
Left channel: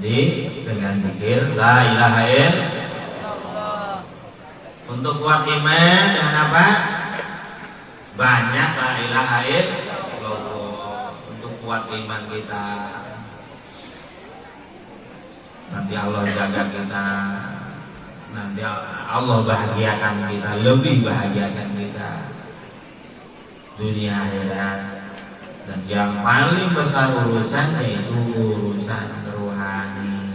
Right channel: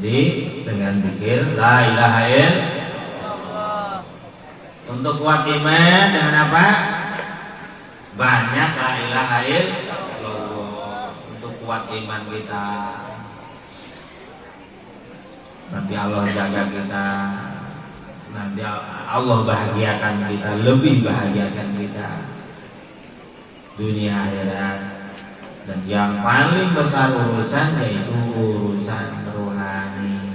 Jadi dengan zikir la ilaha illallah. Untuk kuat iman dengan apa? Banyak la ilaha illallah. Untuk kuat iman kita, nanti Allah jaga kita nanti Allah bahagiakan kita, lebih bahagiakan kita dunia akhirat. Dan yang paling besar urusan yaitu urusan rohani.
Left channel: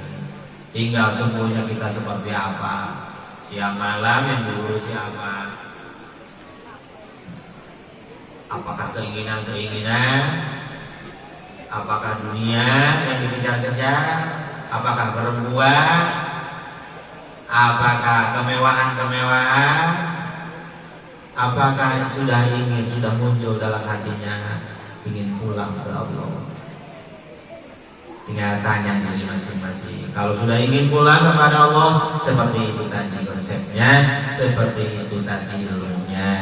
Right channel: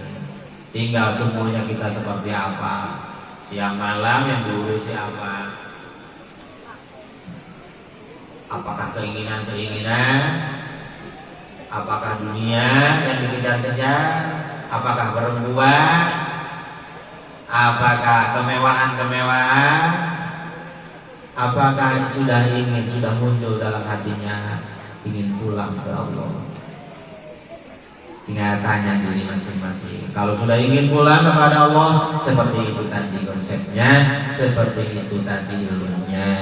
Tinggal semuanya kita seperti apa, siang malam yang diurusi apa. Apakah keinginan-keinginan, apakah dunia yang dikejar-kejar, apakah perempuan, apakah kemewahan-kemewahan, apakah sudah muncul dalam hatinya ingin pulang ke Allah. Tinggal tanya diri masing-masing. Kalau sudah ingin pulang kepada Allah, seperti itu tadi konsepnya, seperti itu tadi ilmunya.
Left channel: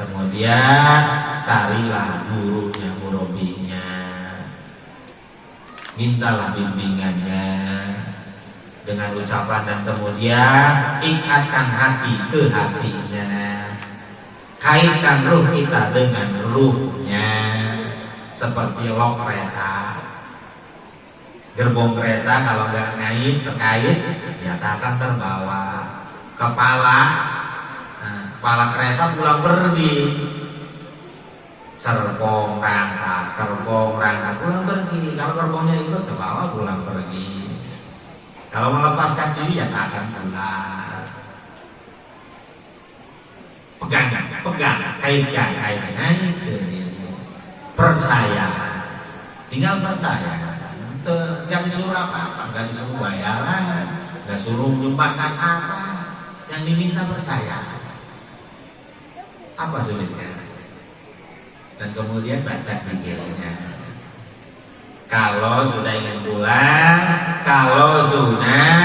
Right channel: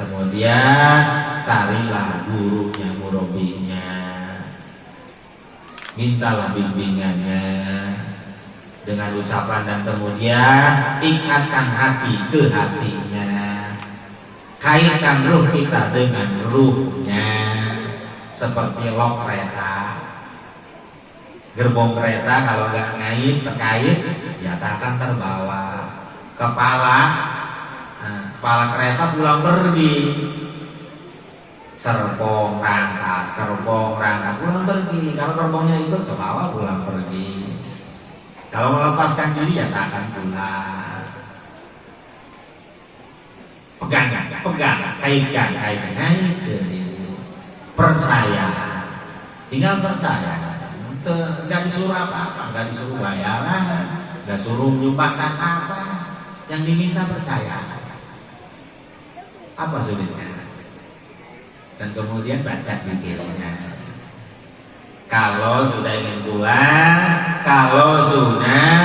Kemudian carilah gurunya, murabinya, mintalah bimbingannya dengan ucapan, dan kemudian ikatkan hati ke hatinya, kaitkan ruh kita dengan ruhnya. Seperti lok kereta, gerbong kereta kalau nggak ngait terkait, ya tak akan terbawa. Kepala kereta pulang pergi, serpong rangkas pulang pergi. Kalau gerbongnya itu terbawa pulang pergi. Kalau melepaskan diri ya tak akan pulang. Pegang, kaitkan itu. Percaya, tinggal percaya. Nggak disuruh apa-apa, nggak disuruh bayaran, nggak suruh menyumbangkan apa. Yang diminta percaya. Apa sulitnya? Dan kemudian baca zikirnya. Kalau sudah ingin pulang, kalau sudah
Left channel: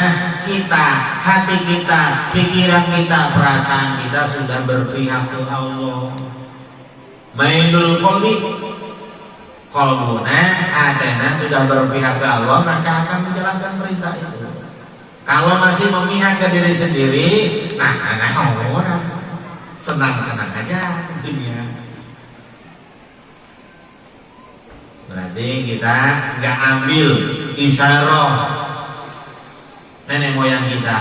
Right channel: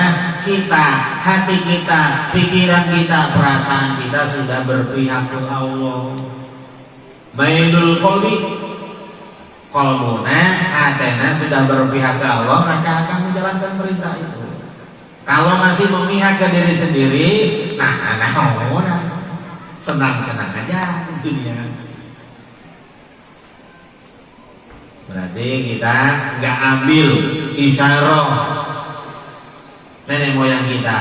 kita, hati kita, pikiran kita, perasaan kita sudah berpihak ke Allah. Mailul qalbi, qalbuna, hatena sudah berpihak ke Allah, maka akan menjalankan perintah itu. Kalau masih memihak ke diri sendiri, orang senang-senang aja dunia. Berarti kita nggak ambil isyarah nenek moyang kita.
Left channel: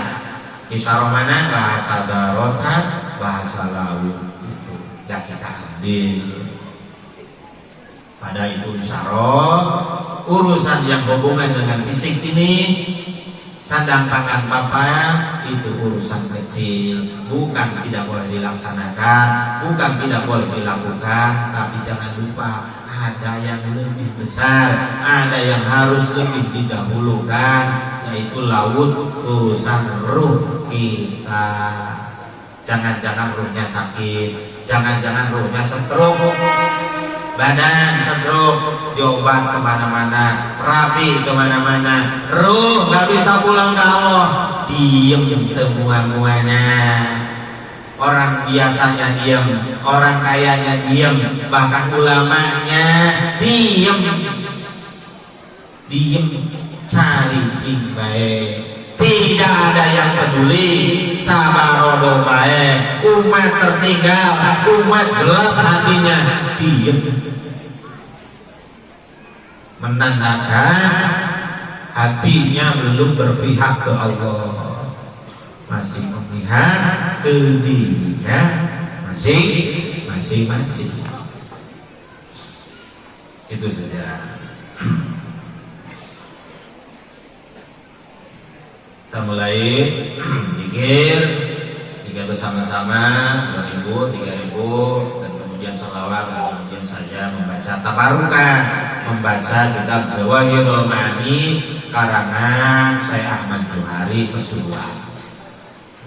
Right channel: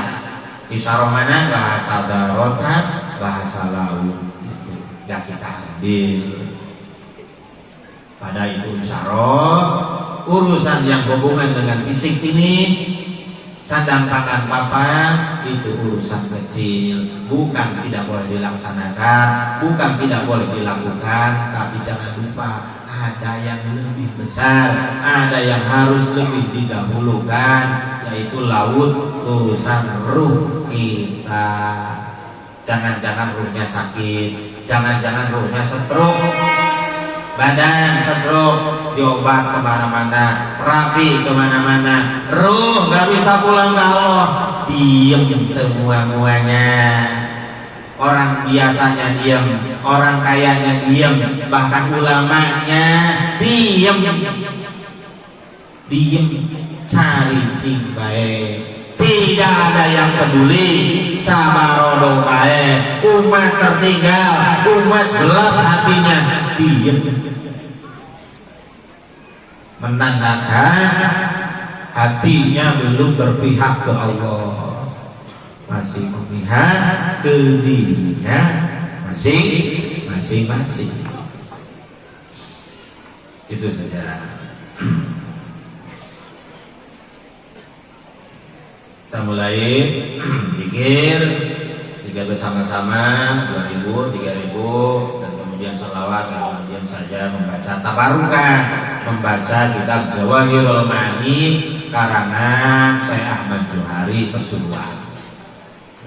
Isyarah mana? Bahasa darotan, bahasa laut, itu nggak kita ambil. Pada itu isyarah urusan yang hubungan dengan fisik ini, sandang tangan papan, itu urusan kecil, bukan tidak boleh dilaksanakan, bukan tidak boleh dilakukan, tapi jangan lupa ada yang lebih besar, ada yang harus lebih didahulukan, yaitu laut, urusan ruh kita. Jangan-jangan ruhnya sakit, jangan-jangan ruhnya stroke, badan stroke, diobat kemana-mana, rapi kemana-mana, ruh gak bisa pulang ke Allah, diem semua-muanya. Orang biasanya diem, orang kayanya diem, bahkan ulamanya diem, cari cingbae. Tidak ada yang peduli, sabarodo bae, umat tertinggal, umat gelap hatinya, diem. Menandakan hatinya belum berpihak ke Allah, masih memihak ke dirinya masing-masing. Itu saja. Kita mulai zikir bersama-sama 2000, 3000, dan kemudian sholawat, dan kemudian saja membaca tabarukan, membaca kitab Jawahirul Ma'ani karangan Syekh Ahmad Johari Pesulap.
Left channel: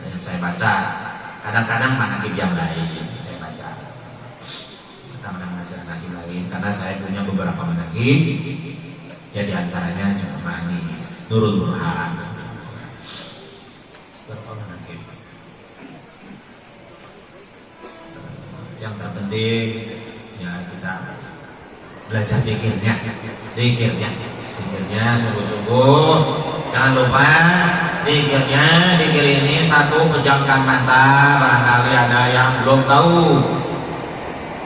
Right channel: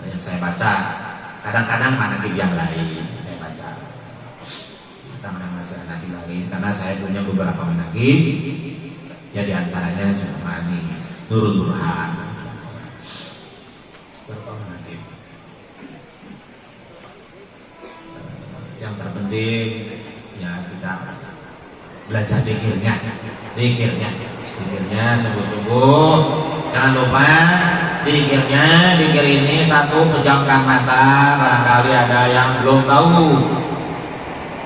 Yang saya baca, kadang-kadang manaqib yang lain saya baca, manaqib lain, karena saya punya beberapa manaqib, ya diantaranya cuma Ma'ani, Nurul Burhan. Yang terpenting ya kita belajar zikirnya sungguh-sungguh. Jangan lupa zikir ini satu, pejamkan mata, barangkali ada yang belum tahu.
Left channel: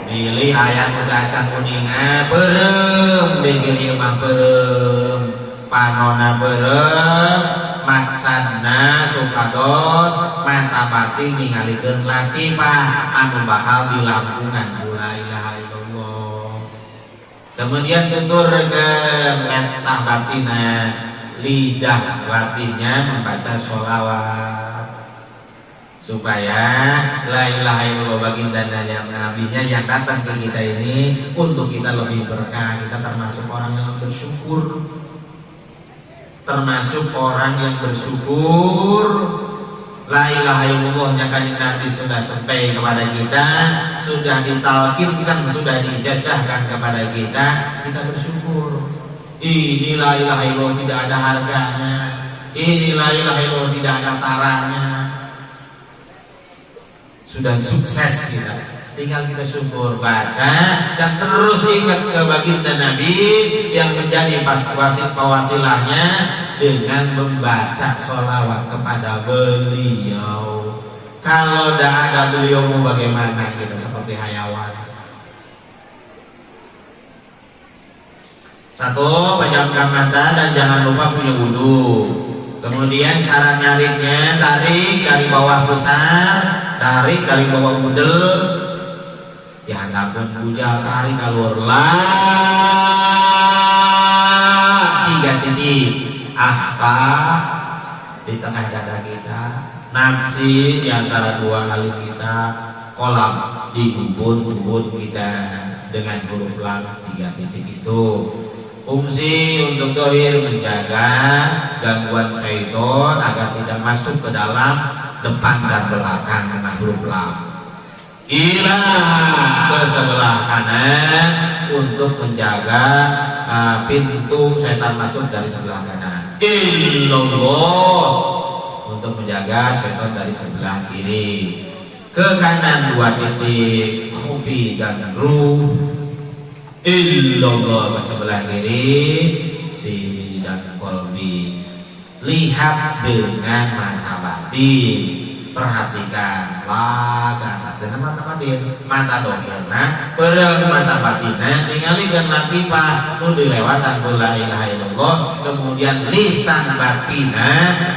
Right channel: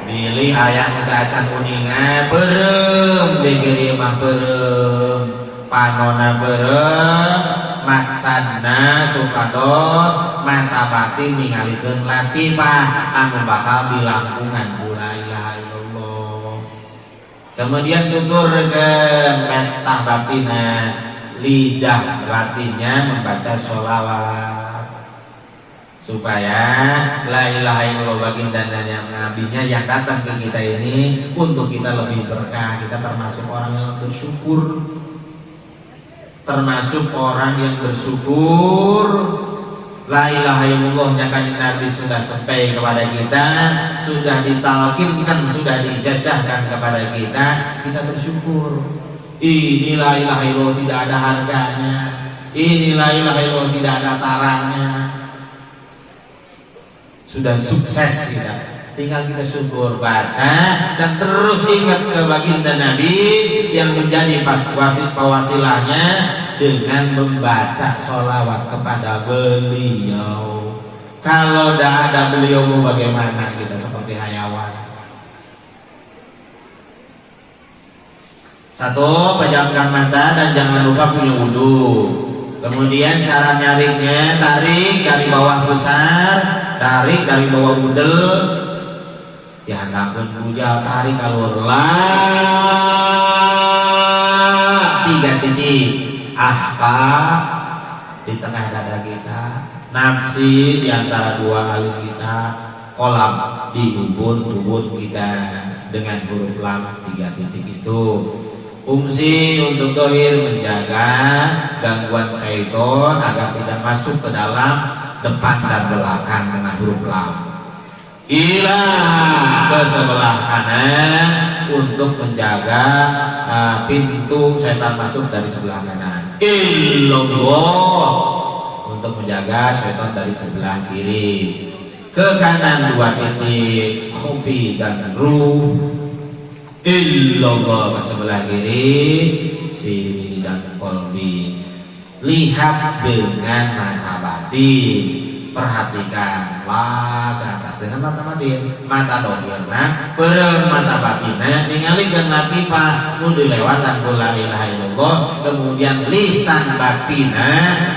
Pilih ayat bacaan kuningan, berem zikir imam berem, panona berem, maksana supados mata batin ningalikeun latifah anu bakal dilangkungan la ilaha illallah. Kemudian tuturkeun mata batina lidah batinnya membaca sholawat supaya la ilaha illallah baginda nabinya yang datang ke kita ini untuk kita lebih berkah. Kita termasuk orang yang bersyukur, termasuk orang yang bersyukur. La ilaha illallahnya kanjeng Nabi sudah sampai kepada kita, sudah ditalkinkan, sudah dijajahkan kepada kita, kita bersyukur. Ini la ilaha illallah tidak ada harganya, ini la ilaha illallah tidak ada tarannya. Sudah sukses kita, tinggal kita syukur, baca dan terus ingat ke baginda Nabi yang menjadi wasit pewasilahnya dengan membaca sholawat kepada beliau. Kalau tidak ada beliau bagaimana kita, seperti hayawan. Satu, pejamkan mata dan jangan lupa punya wudu. Kemudian cara nyariknya, tarik dari bawah pusar, tarik dari bawah udel, dihandapkan bujal, tarik keluar lah 3 titik. Ahka di tengah dada kita, nafsi di antara 2 alis kita, kolam di bubur kita dengan huruf lam 3 titik itu. Fungsi untuk dohir menjaga gangguan syaitan agar tidak masuk ke dalam depan dan belakang dengan huruf lam. Ilah ke sebelah kanan untuk menjaga pintu syaitan masuk dari sebelah kanan. Illallah untuk menjaga syaitan dari sebelah kiri. Ke kanan 2 titik khufi dan ruh. Illallah ke sebelah kiri sini dan kolbi. Lihat dengan mata batin, perhatikan lah ke atas dengan mata batin, mata dohirna perem mata batinnya ningalikeun latifah nu dilewatan ku la ilaha illallah. Kemudian lisan batina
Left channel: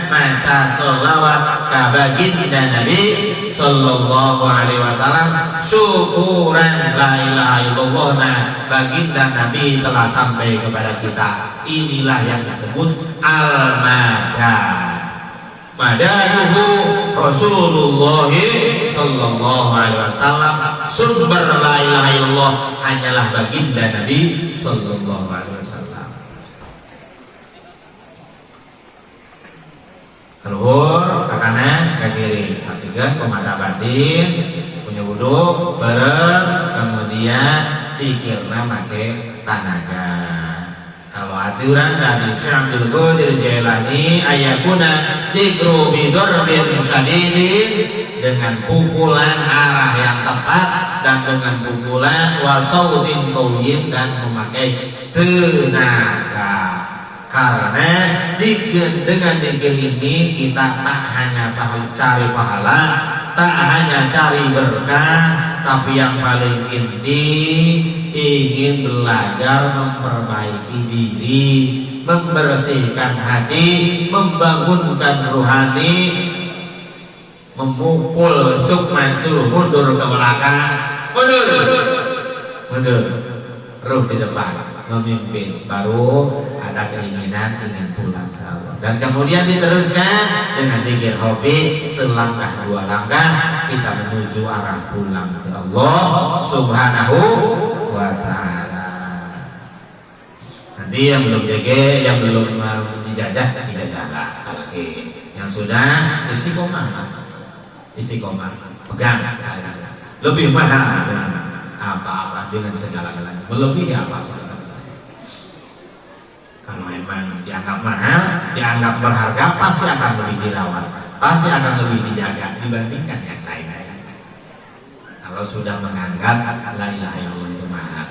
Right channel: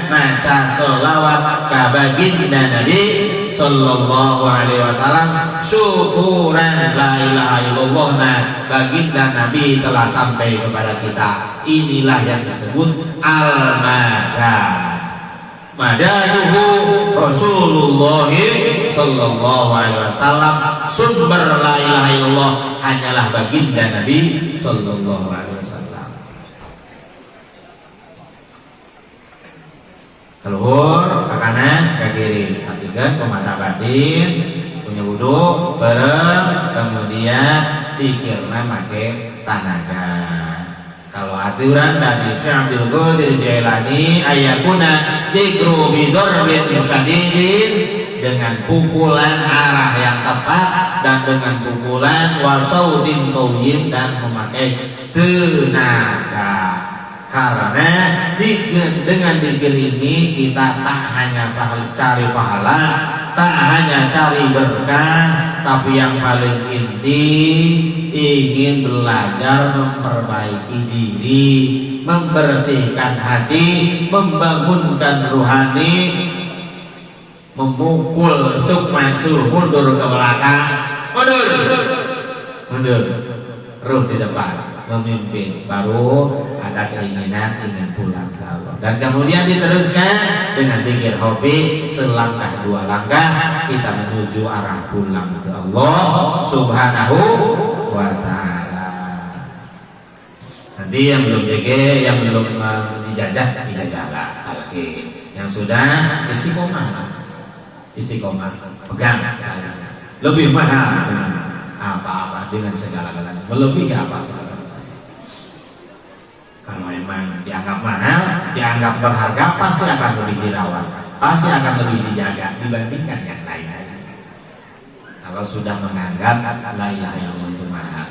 maca sholawat ka baginda Nabi sallallahu alaihi wasallam, syukuran la ilaha illallah. Nah, baginda Nabi telah sampai kepada kita. Inilah yang disebut al-madad. Madaduhu Rasulullah sallallahu alaihi wasallam. Sumber la ilaha illallah hanyalah baginda Nabi sallallahu alaihi wasallam. Keluar ke kanan ke kiri, perhatikan ke mata batin, punya wudu, bareng, kemudian dikirna make tanaga. Kalau aturan dari Syekh Abdul Qadir Jailani ayakuna dikru bidarbin syadidin, dengan pukulan arah yang tepat dan dengan pukulan wasautin qawiyyin dan memakai tenaga. Karena dengan zikir ini kita tak hanya cari pahala, tak hanya cari berkah, tapi yang paling inti ingin belajar memperbaiki diri, membersihkan hati, membangunkan rohani, memukul sukman suruh mundur ke belakang, mundur, ruh di depan, memimpin, baru ada keinginan ingin pulang ke Allah. Dan kemudian diteruskan dengan zikir hobi, selangkah 2 langkah kita menuju arah pulang ke Allah Subhanahu wa ta'ala. Nanti yang belum jaga, yang belum dijajah lagi. Yang sudah istiqomah pegang, lebih mahal apa-apa dengan segala-galanya, melebihi apa segala. Kalau memang dianggap mahal, dianggap berharga, pasti akan lebih dirawat, pasti akan lebih dijaga dibandingkan yang lain-lain. Kalau sudah menganggap la ilaha illallah itu mahal,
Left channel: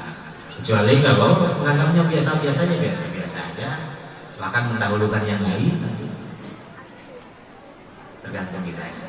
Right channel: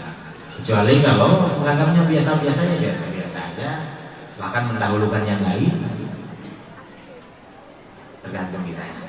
kecuali kalau menganggapnya biasa-biasa aja, bahkan mendahulukan yang lain, tergantung kita.